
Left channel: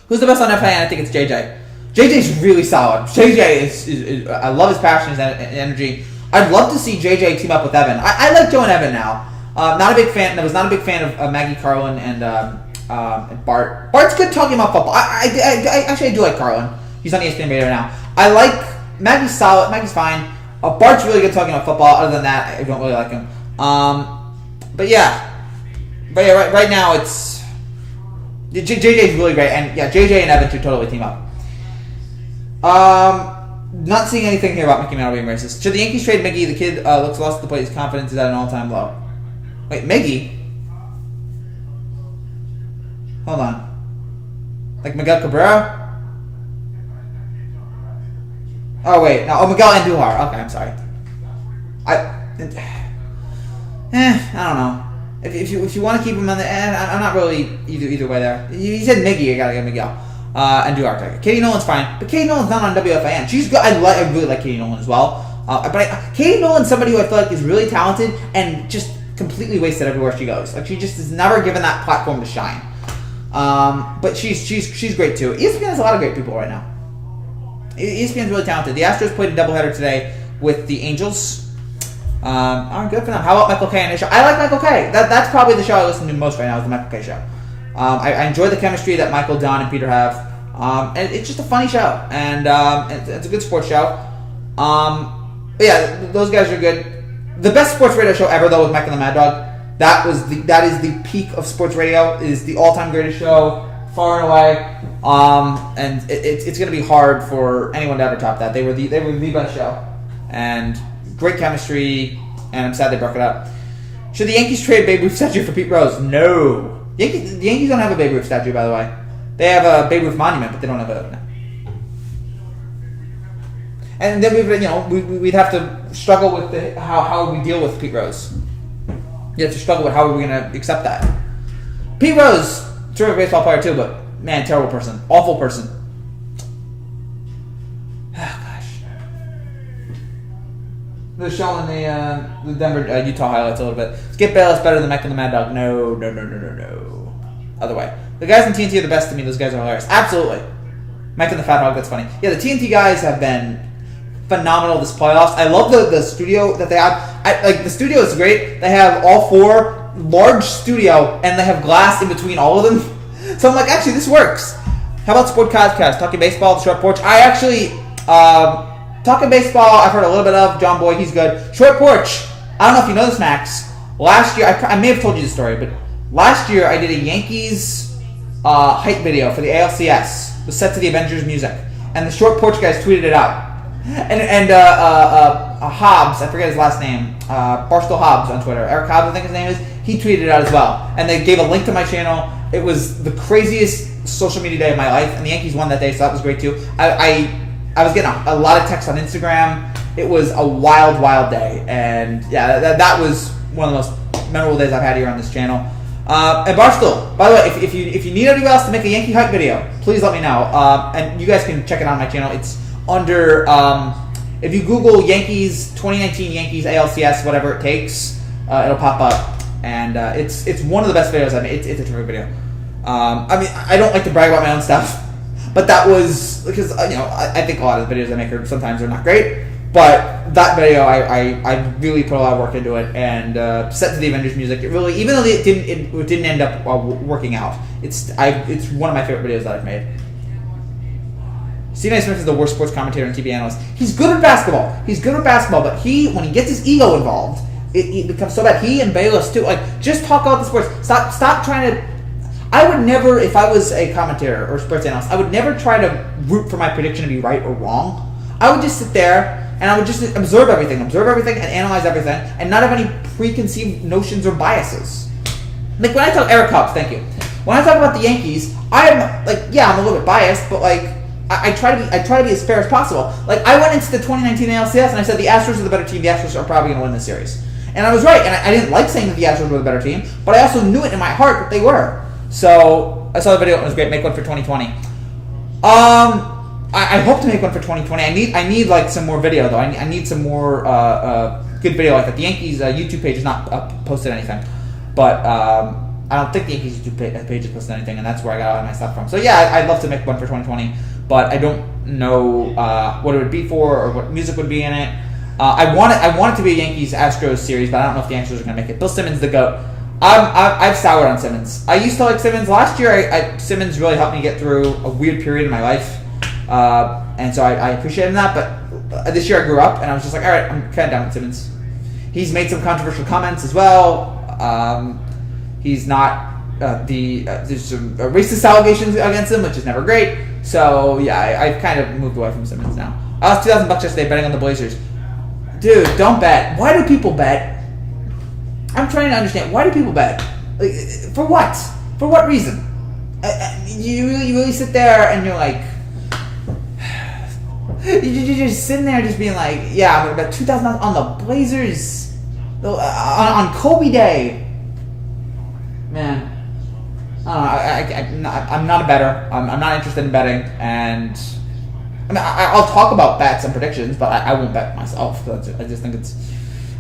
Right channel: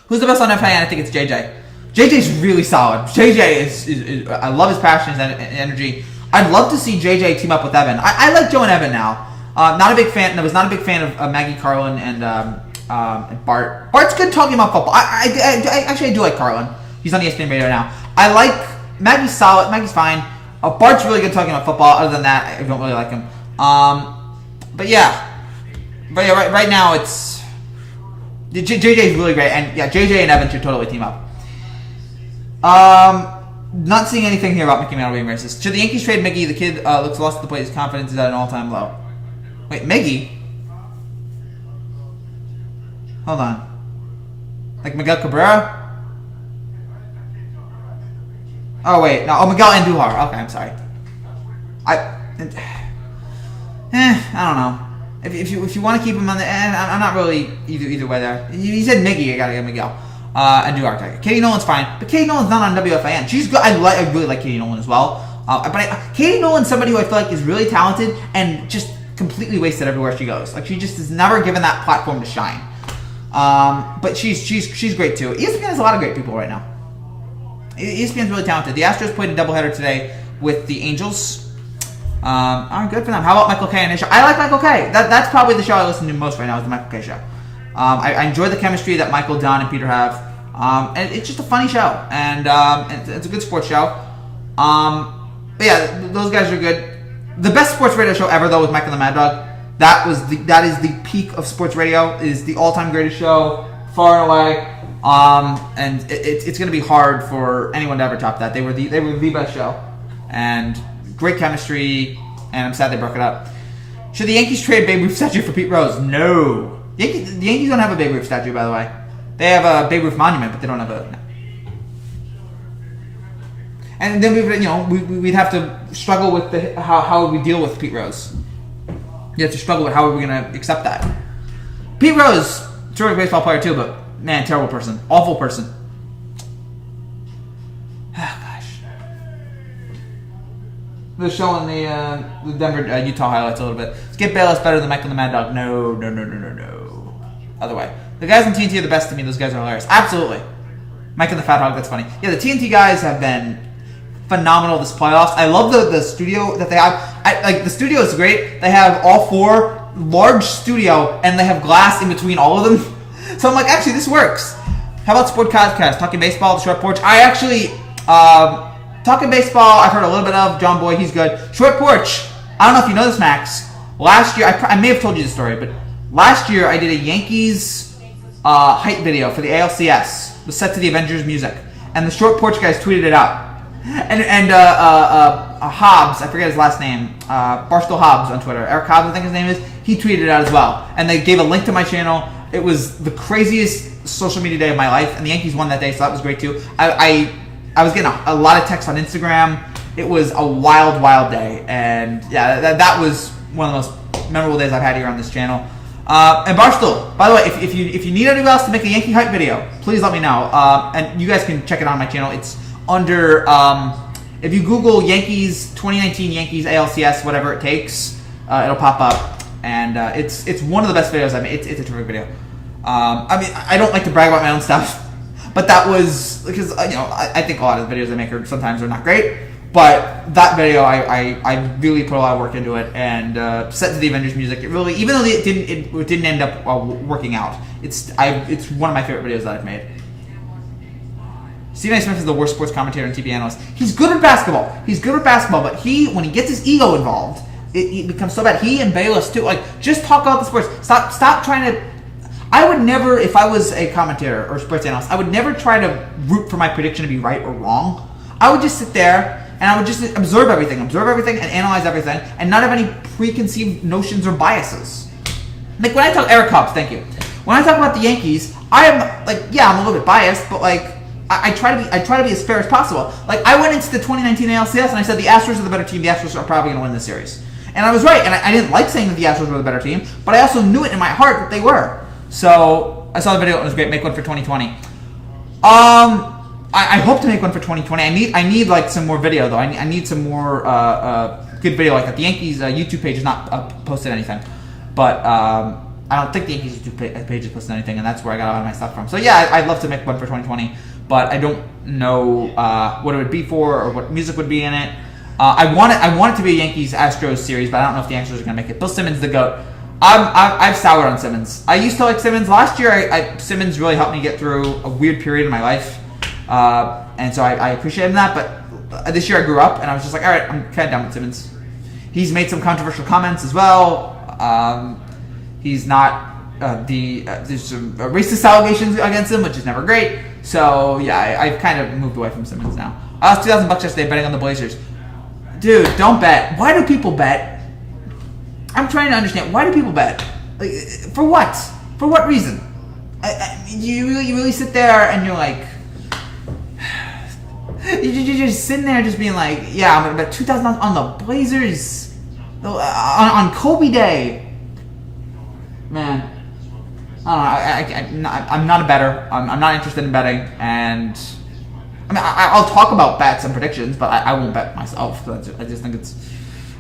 Who's the best on FIN? I think it's JJ. JJ's really solid. JJ is I love his passion, his energy. I'd love to see JJ team up with Evan. I like Joe and Evan now. Not a big fan. I was not a big fan of Maggie Carlin and Bart. Bart's good talking about football. I do like Carlin. He's on ESPN Radio now. I like Maggie's solid. Maggie's fine. Bart's really good talking about football. Other than that, I don't really like him. Right now it's JJ's really great, and yeah, JJ and Evan should totally team up. Not seeing anything here about Mickey Mantle being racist. Should the Yankees trade Miggy? The kid looks lost at the plate. His confidence is at an all-time low. Wait, Miggy? Hold on. Like Miguel Cabrera? Oh, wait. No. Oh, Miguel Andujar. Okay, I'm sorry. I don't know. If you want to keep him on the... I'm not really either way there. You said Miggy. I got to get Miguel. And do Arctic. Katie Nolan's fine, but Katie Nolan's not on WFAN. She's good. I really like Katie Nolan as well. But Katie Nolan's somebody who I feel like is really talented and just completely wasted everywhere she goes. Like, she just is never given that platform to shine. But she's great too. ESPN has a lot of great people right now. ESPN's really talented. The Astros played a doubleheader today with the Angels. Good for them. How about Michael Kay and his show? I like Michael Kay. That's probably the show I listen to most right now is the Michael Kay show. I enjoy the chemistry that Michael, Don, and Peter have. And it's just a funny show. And it's a good sports show. Yeah, those guys are good. The best sports radio show ever, though, was Michael and the Mad Dog. That is the peak of sports radio. It is the all-time greatest show, far and away. And it's going to be hard for anyone to ever top that. They were the best show, and great chemistry. And I'm sad they broke it up. Should the Yankees trade Babe Ruth statue for Pete Rose? No. The Yankees don't have a Babe Ruth statue, by the way. They have a Babe Ruth monument, but they don't have a. No. And then we'd have to struggle with how we deal with Pete Rose. You have to struggle with how are we going to accept that. Pete Rose, terrific baseball player too, but man, terrible person, awful person. Oh, gosh. They're showing the Denver Utah highlights a little bit. Skip Bayless better than Michael the Mad Dog? No. Other way. The guys in TNT are the best to me. Those guys are hilarious. Absolutely. Mike and the Fat Hog, that's funny. Yeah, the TNT guys have been phenomenal this playoffs. I love the studio that they have. The studio is great. They have all four large studio, and they have glass in between all of them. So I'm like, actually, this works. How about Sportcast? Talking baseball, the Short Porch. I actually talking baseball. I've heard a little bit of John Boy. He's good. Short Porch. I don't know if you know this, Max. Last year, I may have told you the story, but last year I did a Yankees hype video for the ALCS. It was set to the Avengers music, and the Short Porch guys tweeted it out. And Hobbs, I forget his last name, Barstool Hobbs on Twitter, Eric Hobbs I think his name is, he tweeted it out as well. And they gave a link to my channel. It was the craziest social media day of my life, and the Yankees won that day, so that was great too. I was getting a lot of texts on Instagram. It was a wild day, and yeah, that was one of the most memorable days I've had here on this channel. And Barstool, by the way, if you need anybody else to make a Yankee hype video, please let me know. And you guys can check it on my channel. It's under, if you Google Yankees, 2019 Yankees ALCS, whatever it takes, it'll pop up. And it's one of the best videos I've made. It's a terrific video. I mean, I don't like to brag about my own stuff, but that was, because, I think a lot of the videos I make sometimes are not great. But that video, I really put a lot of work into it, and set to the Avengers music. It really, even though it didn't end up working out, it's one of my favorite videos that I've made. Stephen A. Smith is the worst sports commentator and TV analyst. He's good at basketball. But when he gets his ego involved, it becomes so bad. He and Bayless too. Like, just talk about the sports. Stop trying to. I would never, if I was a commentator or sports analyst, I would never try to root for my prediction to be right or wrong. I would just sit there and I would just observe everything and analyze everything, and not have any preconceived notions or biases. Like when I talk Eric Hobbs, thank you. When I talk about the Yankees, I am like, yeah, I'm a little bit biased, but like I try to be as fair as possible. Like I went into the 2019 ALCS and I said the Astros are the better team. The Astros are probably going to win this series, and I was right. And I didn't like saying that the Astros were the better team, but I also knew it in my heart that they were. So I saw the video and it was great. Make one for 2020. I hope to make one for 2020. I need like some more video though. I need some more good video like that. The Yankees YouTube page has not posted anything, but I don't think the Yankees YouTube page has posted anything, and that's where I got all my stuff from. So yeah, I'd love to make one for 2020, but I don't know what it would be for or what music would be in it. I want it to be a Yankees Astros series, but I don't know if the Astros are going to make it. Bill Simmons, the GOAT. I've soured on Simmons. I used to like Simmons. Last year, Simmons really helped me get through a weird period in my life. And so I appreciate him that, but this year I grew up and I was just like, all right, I'm kind of done with Simmons. He's made some controversial comments as well. He's not there's some racist allegations against him, which is never great. So yeah, I've kind of moved away from Simmons now. I lost $2,000 yesterday betting on the Blazers. Dude, don't bet. Why do people bet? I'm trying to understand. Why do people bet? Like, for what? For what reason? You really sit there and you're like, you're just sitting there just being like, yeah, I'm going to bet $2,000 on the Blazers on Kobe Day. Man, I don't know. I'm not a bettor. I'm not interested in betting, and I mean, I'll talk about bets and predictions, but I won't bet myself. I just think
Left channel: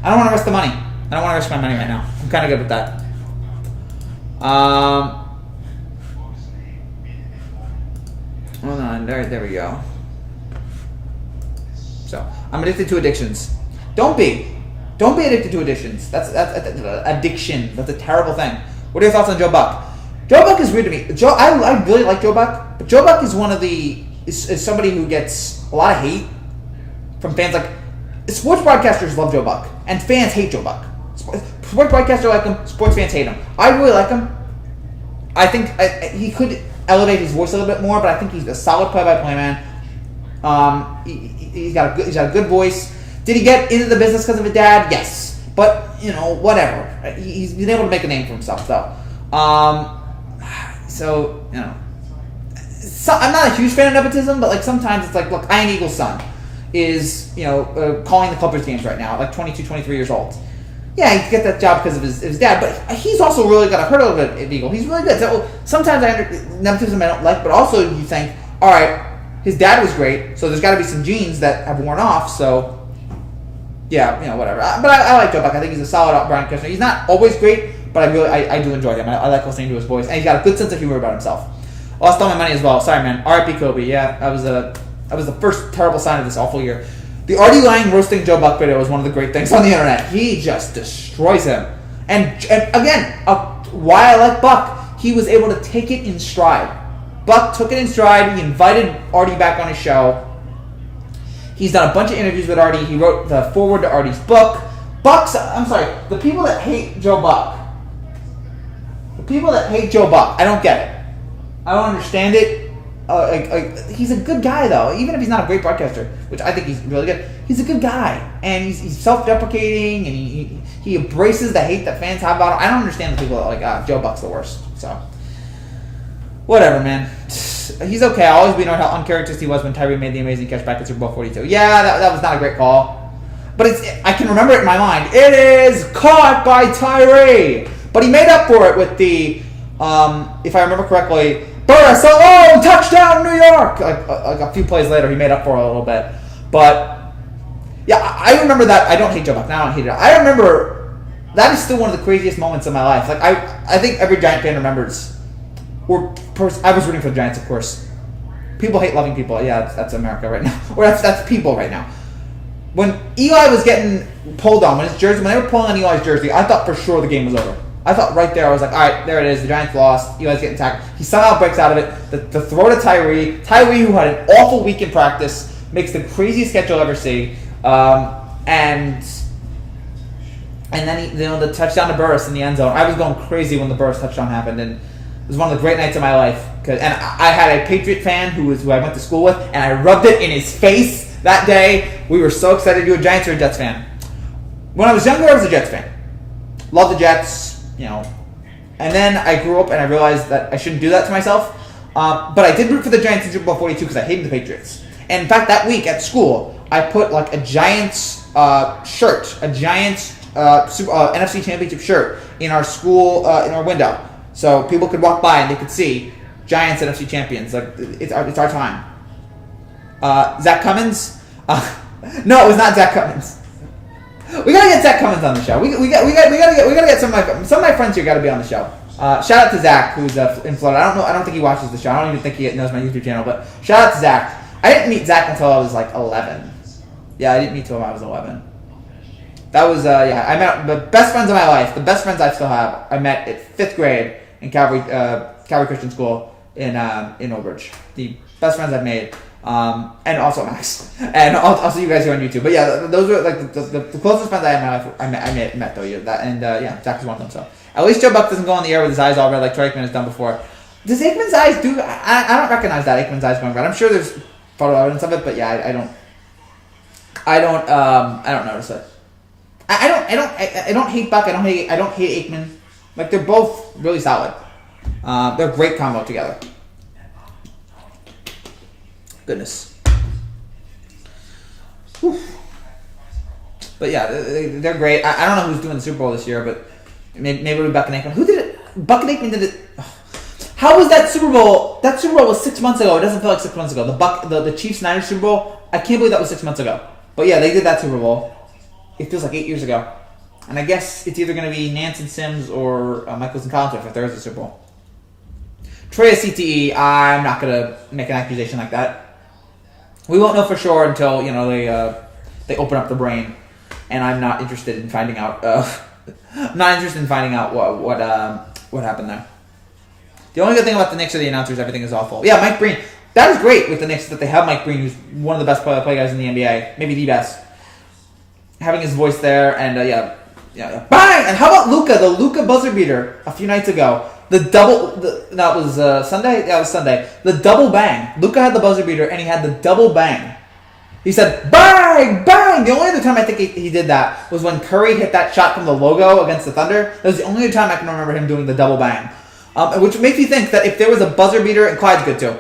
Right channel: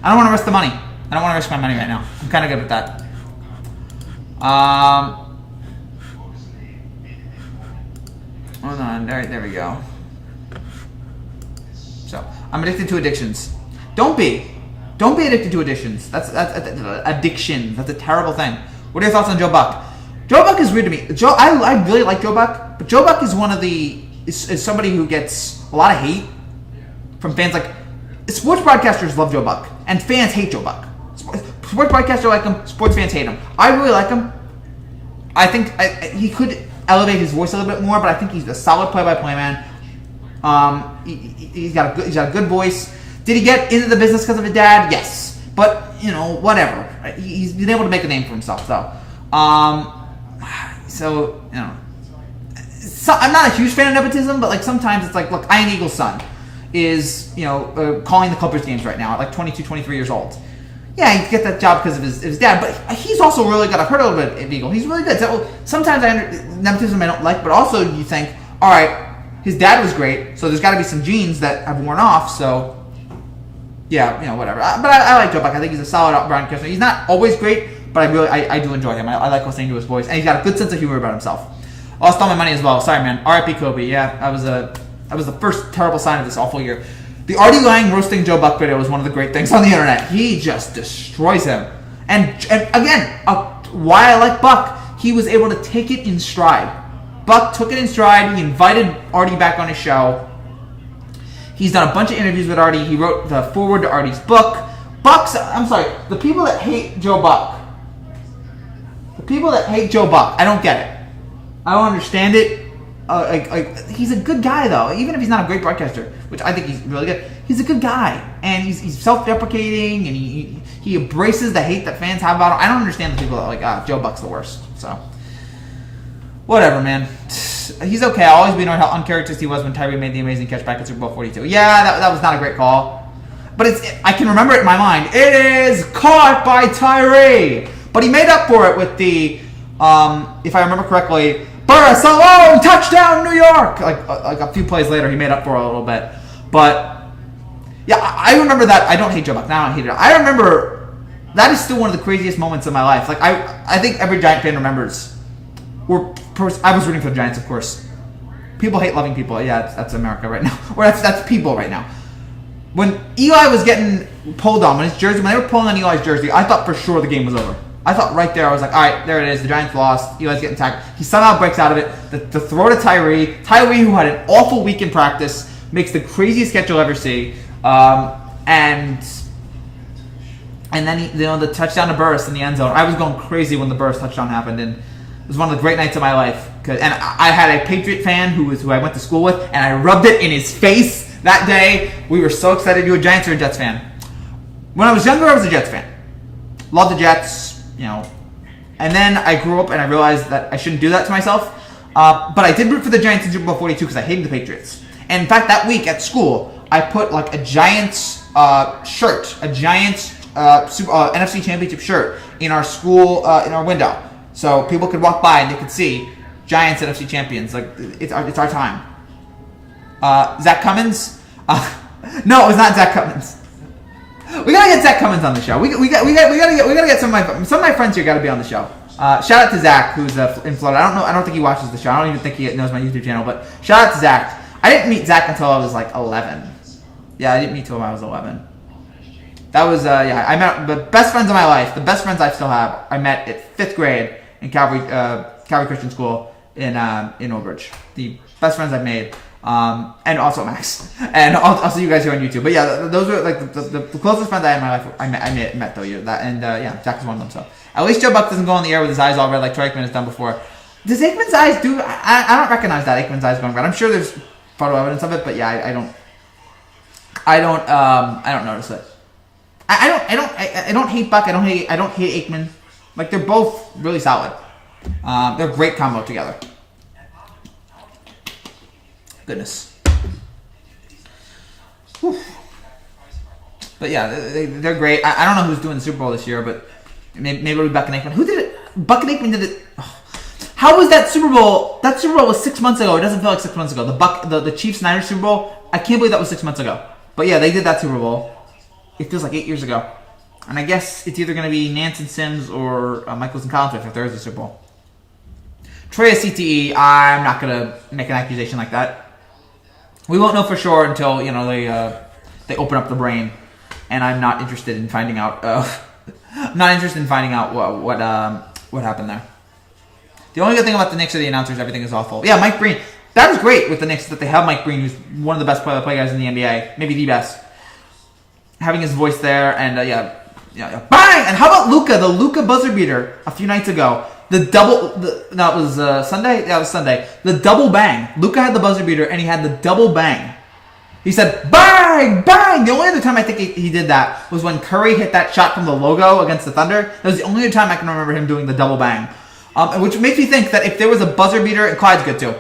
I don't want to risk the money. I don't want to risk my money right now. I'm kind of good with that. Hold on. There we go. So, I'm addicted to addictions. Don't be addicted to addictions. That's addiction. That's a terrible thing. What are your thoughts on Joe Buck? Joe Buck is weird to me. I really like Joe Buck, but Joe Buck is is somebody who gets a lot of hate from fans. Like, sports broadcasters love Joe Buck, and fans hate Joe Buck. Sports broadcasters like him, sports fans hate him. I really like him. I think he could elevate his voice a little bit more, but I think he's a solid play-by-play man. He's got a good voice. Did he get into the business because of his dad? Yes, but whatever. He's been able to make a name for himself, though. So I'm not a huge fan of nepotism, but like sometimes it's like, look, Ian Eagle's son is calling the Clippers games right now at like 22, 23 years old. Yeah, he gets that job because of his dad, but he's also really good. I've heard a little bit of Eagle. He's really good. So sometimes nepotism I don't like, but also you think, all right, his dad was great, so there's got to be some genes that have worn off. So yeah, whatever. But I like Joe Buck. I think he's a solid broadcaster. He's not always great, but I do enjoy him. I like listening to his voice, and he's got a good sense of humor about himself. Lost all my money as well. Sorry, man. R.I.P. Kobe. Yeah, that was the first terrible sign of this awful year. The Artie Lang roasting Joe Buck video was one of the great things on the internet. He just destroys him. And again, why I like Buck, he was able to take it in stride. Buck took it in stride. He invited Artie back on his show. He's done a bunch of interviews with Artie. He wrote the foreword to Artie's book. The people that hate Joe Buck. I don't get it. I don't understand it. He's a good guy, though. Even if he's not a great broadcaster, which I think he's really good, he's a good guy. And he's self-deprecating, and he embraces the hate that fans have about him. I don't understand the people that are like, Joe Buck's the worst. So, whatever, man. He's okay. I'll always be annoyed how uncharacteristic he was when Tyree made the amazing catch back at Super Bowl 42. Yeah, that was not a great call. But I can remember it in my mind. It is caught by Tyree. But he made up for it with the, if I remember correctly, Burris alone, touchdown New York! Like a few plays later, he made up for it a little bit. But, yeah, I remember that. I don't hate Joe Buck. Now I don't hate it. I remember that is still one of the craziest moments of my life. Like, I think every Giant fan remembers. I was rooting for the Giants, of course. People hate loving people. Yeah, that's America right now. Or that's people right now. When Eli was getting pulled on, when they were pulling on Eli's jersey, I thought for sure the game was over. I thought right there, I was like, all right, there it is. The Giants lost. Eli's getting tackled. He somehow breaks out of it. The throw to Tyree. Tyree, who had an awful week in practice, makes the craziest catch you'll ever see. And then the touchdown to Burris in the end zone. I was going crazy when the Burris touchdown happened, and it was one of the great nights of my life. And I had a Patriot fan who I went to school with, and I rubbed it in his face that day. We were so excited. You a Giants or a Jets fan? When I was younger, I was a Jets fan. Loved the Jets. And then I grew up and I realized that I shouldn't do that to myself. But I did root for the Giants in Super Bowl 42 because I hated the Patriots. And in fact, that week at school, I put like a Giants shirt, a Giants NFC Championship shirt in our school, in our window. So people could walk by and they could see Giants NFC champions. Like, it's our time. Zach Cummins? No, it was not Zach Cummins. We gotta get Zach Cummins on the show. We gotta get some of my friends here. Got to be on the show. Shout out to Zach, who's in Florida. I don't think he watches the show. I don't even think he knows my YouTube channel. But shout out to Zach. I didn't meet Zach until I was like 11. Yeah, I didn't meet him until I was 11. That was I met the best friends of my life. The best friends I still have. I met at 5th grade in Calvary Christian School in Old Bridge. The best friends I've made. And also Max, and also you guys here on YouTube. But yeah, those are like the closest friends I had in my life. I met though. Zach is one of them. So at least Joe Buck doesn't go on the air with his eyes all red like Troy Aikman has done before. Does Aikman's eyes do? I don't recognize that Aikman's eyes going red. I'm sure there's photo evidence of it, but yeah, I don't notice it. I don't hate Buck. I don't hate Aikman. Like, they're both really solid. They're a great combo together. Goodness. Whew. But yeah, they're great. I don't know who's doing the Super Bowl this year, but maybe it'll be Buck and Aikman. Who did it? Buck and Aikman did it. How was that Super Bowl That Super Bowl was 6 months ago. It doesn't feel like 6 months ago. The Chiefs-Niners Super Bowl, I can't believe that was 6 months ago. But yeah, they did that Super Bowl. It feels like 8 years ago. And I guess it's either going to be Nance and Sims or Michaels and Collins if there is a Super Bowl. Trey is CTE. I'm not going to make an accusation like that. We won't know for sure until, they open up the brain. And I'm not interested in finding out. Not interested in finding out what happened there. The only good thing about the Knicks are the announcers. Everything is awful. Yeah, Mike Breen. That is great with the Knicks that they have Mike Breen, who's one of the best play guys in the NBA, maybe the best. Having his voice there and bang! And how about Luka? The Luka buzzer beater a few nights ago. That was Sunday. Yeah, it was Sunday. The double bang. Luka had the buzzer beater and he had the double bang. He said bang, bang. The only other time I think he did that was when Curry hit that shot from the logo against the Thunder. That was the only other time I can remember him doing the double bang. Which makes me think that if there was a buzzer beater, and Clyde's good too.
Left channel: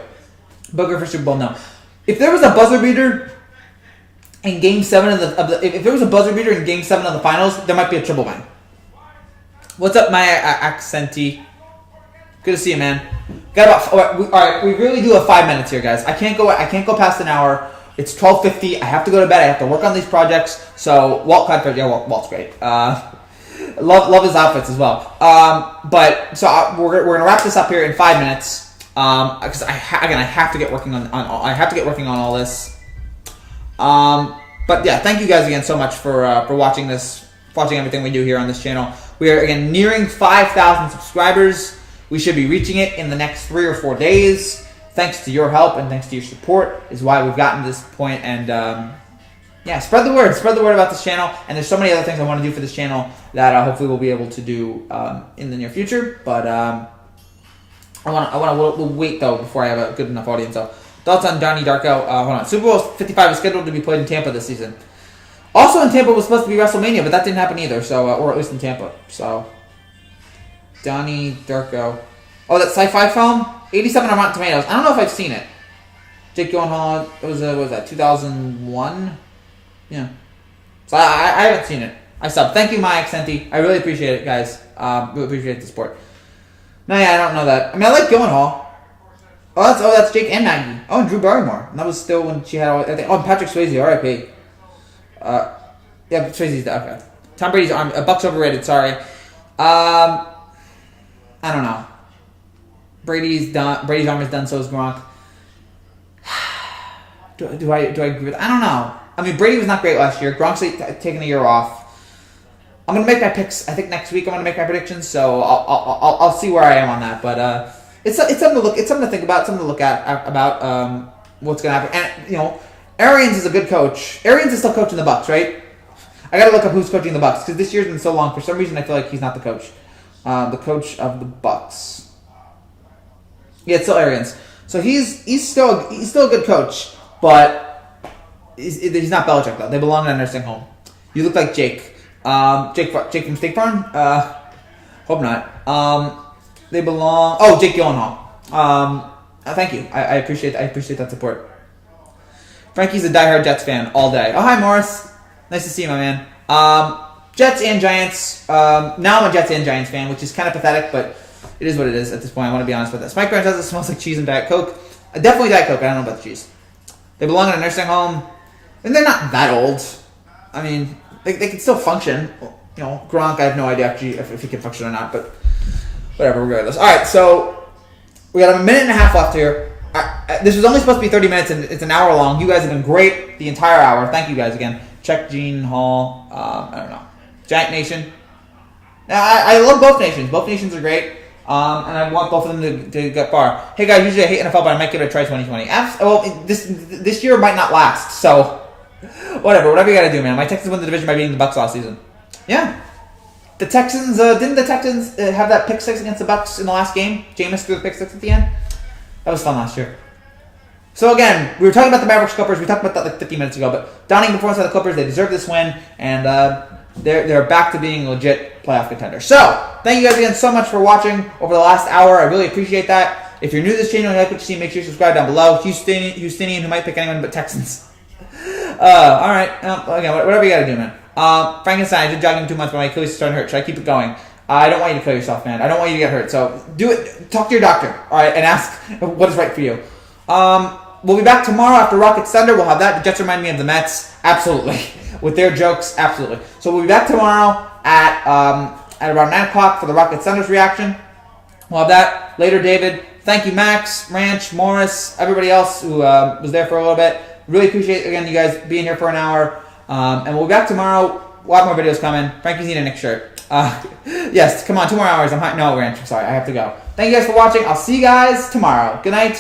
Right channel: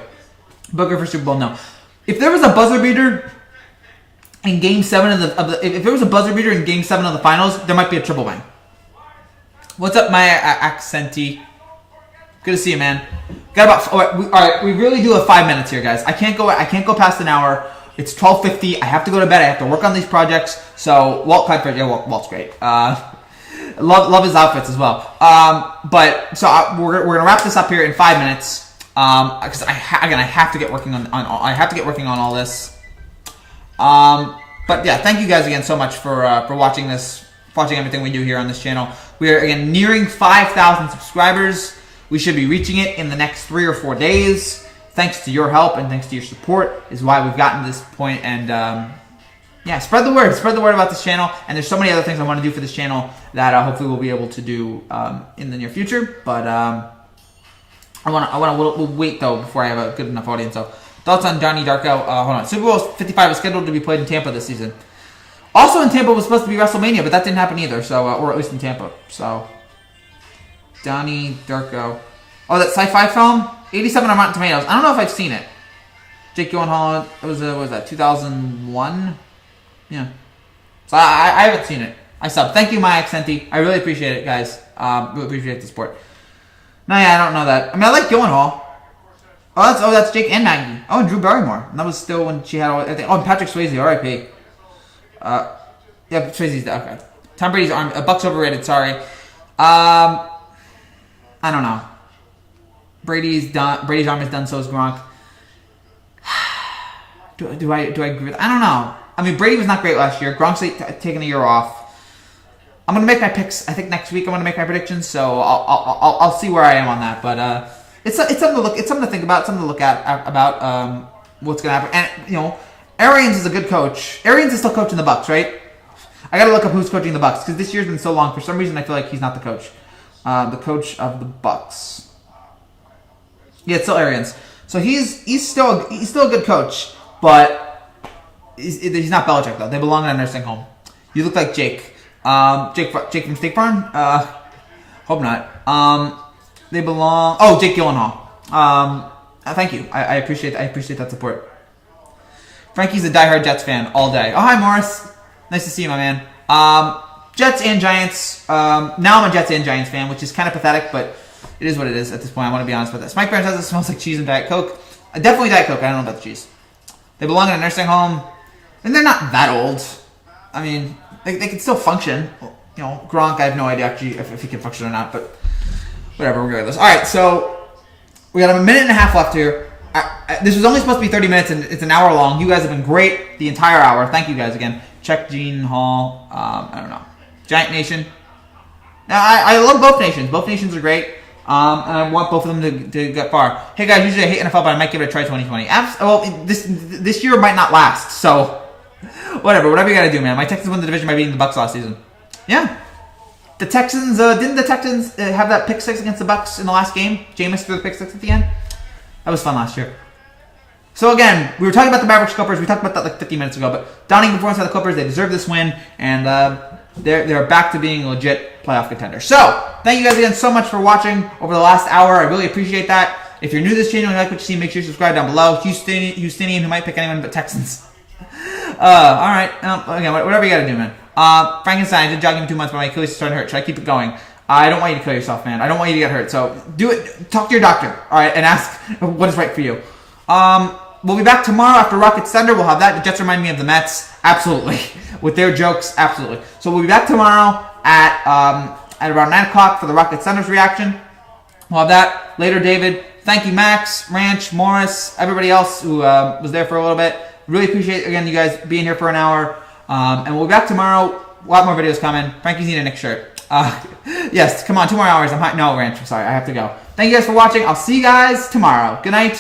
Booker for Super Bowl, no. If there was a buzzer beater in Game 7 if there was a buzzer beater in Game 7 of the Finals, there might be a triple bang. What's up, my Accenti? Good to see you, man. All right, we really do have 5 minutes here, guys. I can't go past an hour. It's 12:50. I have to go to bed. I have to work on these projects. So Walt's great. Love his outfits as well. We're gonna wrap this up here in 5 minutes. Because I have to get working on all this. But yeah, thank you guys again so much for watching everything we do here on this channel. We are again nearing 5,000 subscribers. We should be reaching it in the next 3 or 4 days. Thanks to your help and thanks to your support is why we've gotten to this point. And spread the word. Spread the word about this channel. And there's so many other things I want to do for this channel that hopefully we'll be able to do in the near future. But we'll wait though before I have a good enough audience. So thoughts on Donnie Darko? Hold on. Super Bowl 55 is scheduled to be played in Tampa this season. Also in Tampa was supposed to be WrestleMania, but that didn't happen either. So or at least in Tampa. So Donnie Darko. Oh, that sci-fi film. 87 on Rotten Tomatoes. I don't know if I've seen it. Jake Gyllenhaal. It was what was that? 2001. Yeah. So I haven't seen it. I subbed. Thank you, my Accenti. I really appreciate it, guys. Really appreciate the support. No, yeah, I don't know that. I mean, I like Gyllenhaal. That's Jake and Maggie. Oh, and Drew Barrymore. And that was still when she had all. And Patrick Swayze, R.I.P. Yeah, Swayze's dead. Okay. Tom Brady's arm. Buck's overrated. Sorry. I don't know. Brady's done. Brady's arm is done. So is Gronk. Do I agree with? I don't know. I mean, Brady was not great last year. Gronk's taking a year off. I'm gonna make my picks. I think next week I'm gonna make my predictions. So I'll see where I am on that. But it's something to look. It's something to think about. Something to look at about what's gonna happen. And Arians is a good coach. Arians is still coaching the Bucks, right? I gotta look up who's coaching the Bucks because this year's been so long. For some reason, I feel like he's not the coach. The coach of the Bucks. Yeah, it's still Arians. So he's still a good coach, but he's not Belichick though. They belong in a nursing home. You look like Jake. Jake from State Farm. Hope not. They belong. Oh, Jake Gyllenhaal. Thank you. I appreciate that support. Frankie's a diehard Jets fan all day. Oh, hi Morris. Nice to see you, my man. Jets and Giants. Now I'm a Jets and Giants fan, which is kind of pathetic, but it is what it is at this point. I want to be honest with that. Mike Brown says it smells like cheese and Diet Coke. Definitely Diet Coke. I don't know about the cheese. They belong in a nursing home, and they're not that old. I mean, they can still function. Gronk, I have no idea actually if he can function or not, but whatever, regardless. All right, so we got a minute and a half left here. This was only supposed to be 30 minutes, and it's an hour long. You guys have been great the entire hour. Thank you guys again. Check Gene Hall. I don't know. Giant Nation. Now, I love both nations. Both nations are great. And I want both of them to get far. Hey guys, usually I hate NFL, but I might give it a try 2020. Well, this year might not last, so whatever you gotta do, man. My Texans won the division by beating the Bucks last season. Yeah. The Texans, didn't the Texans have that pick six against the Bucks in the last game? Jameis threw the pick six at the end? That was fun last year. So again, we were talking about the Mavericks Clippers. We talked about that like 50 minutes ago, but downing performance by the Clippers, they deserve this win, and they're back to being legit playoff contenders. So, thank you guys again so much for watching over the last hour. I really appreciate that. If you're new to this channel and you like what you see, make sure you subscribe down below. Houstonian who might pick anyone but Texans. Alright. Again, whatever you gotta do, man. Frankenstein, I did jogging for 2 months, but my Achilles is starting to hurt. Should I keep it going? I don't want you to kill yourself, man. I don't want you to get hurt. So do it. Talk to your doctor, all right, and ask what is right for you. We'll be back tomorrow after Rockets Thunder. We'll have that. The Jets remind me of the Mets. Absolutely. With their jokes, absolutely. So we'll be back tomorrow at around 9 o'clock for the Rockets Thunder's reaction. We'll have that later, David. Thank you, Max, Ranch, Morris, everybody else who was there for a little bit. Really appreciate, again, you guys being here for an hour. And we'll be back tomorrow. A lot more videos coming. Frankie's need a Knicks shirt. Yes, come on, 2 more hours. No, Ranch, I'm sorry. I have to go. Thank you guys for watching. I'll see you guys tomorrow. Good night.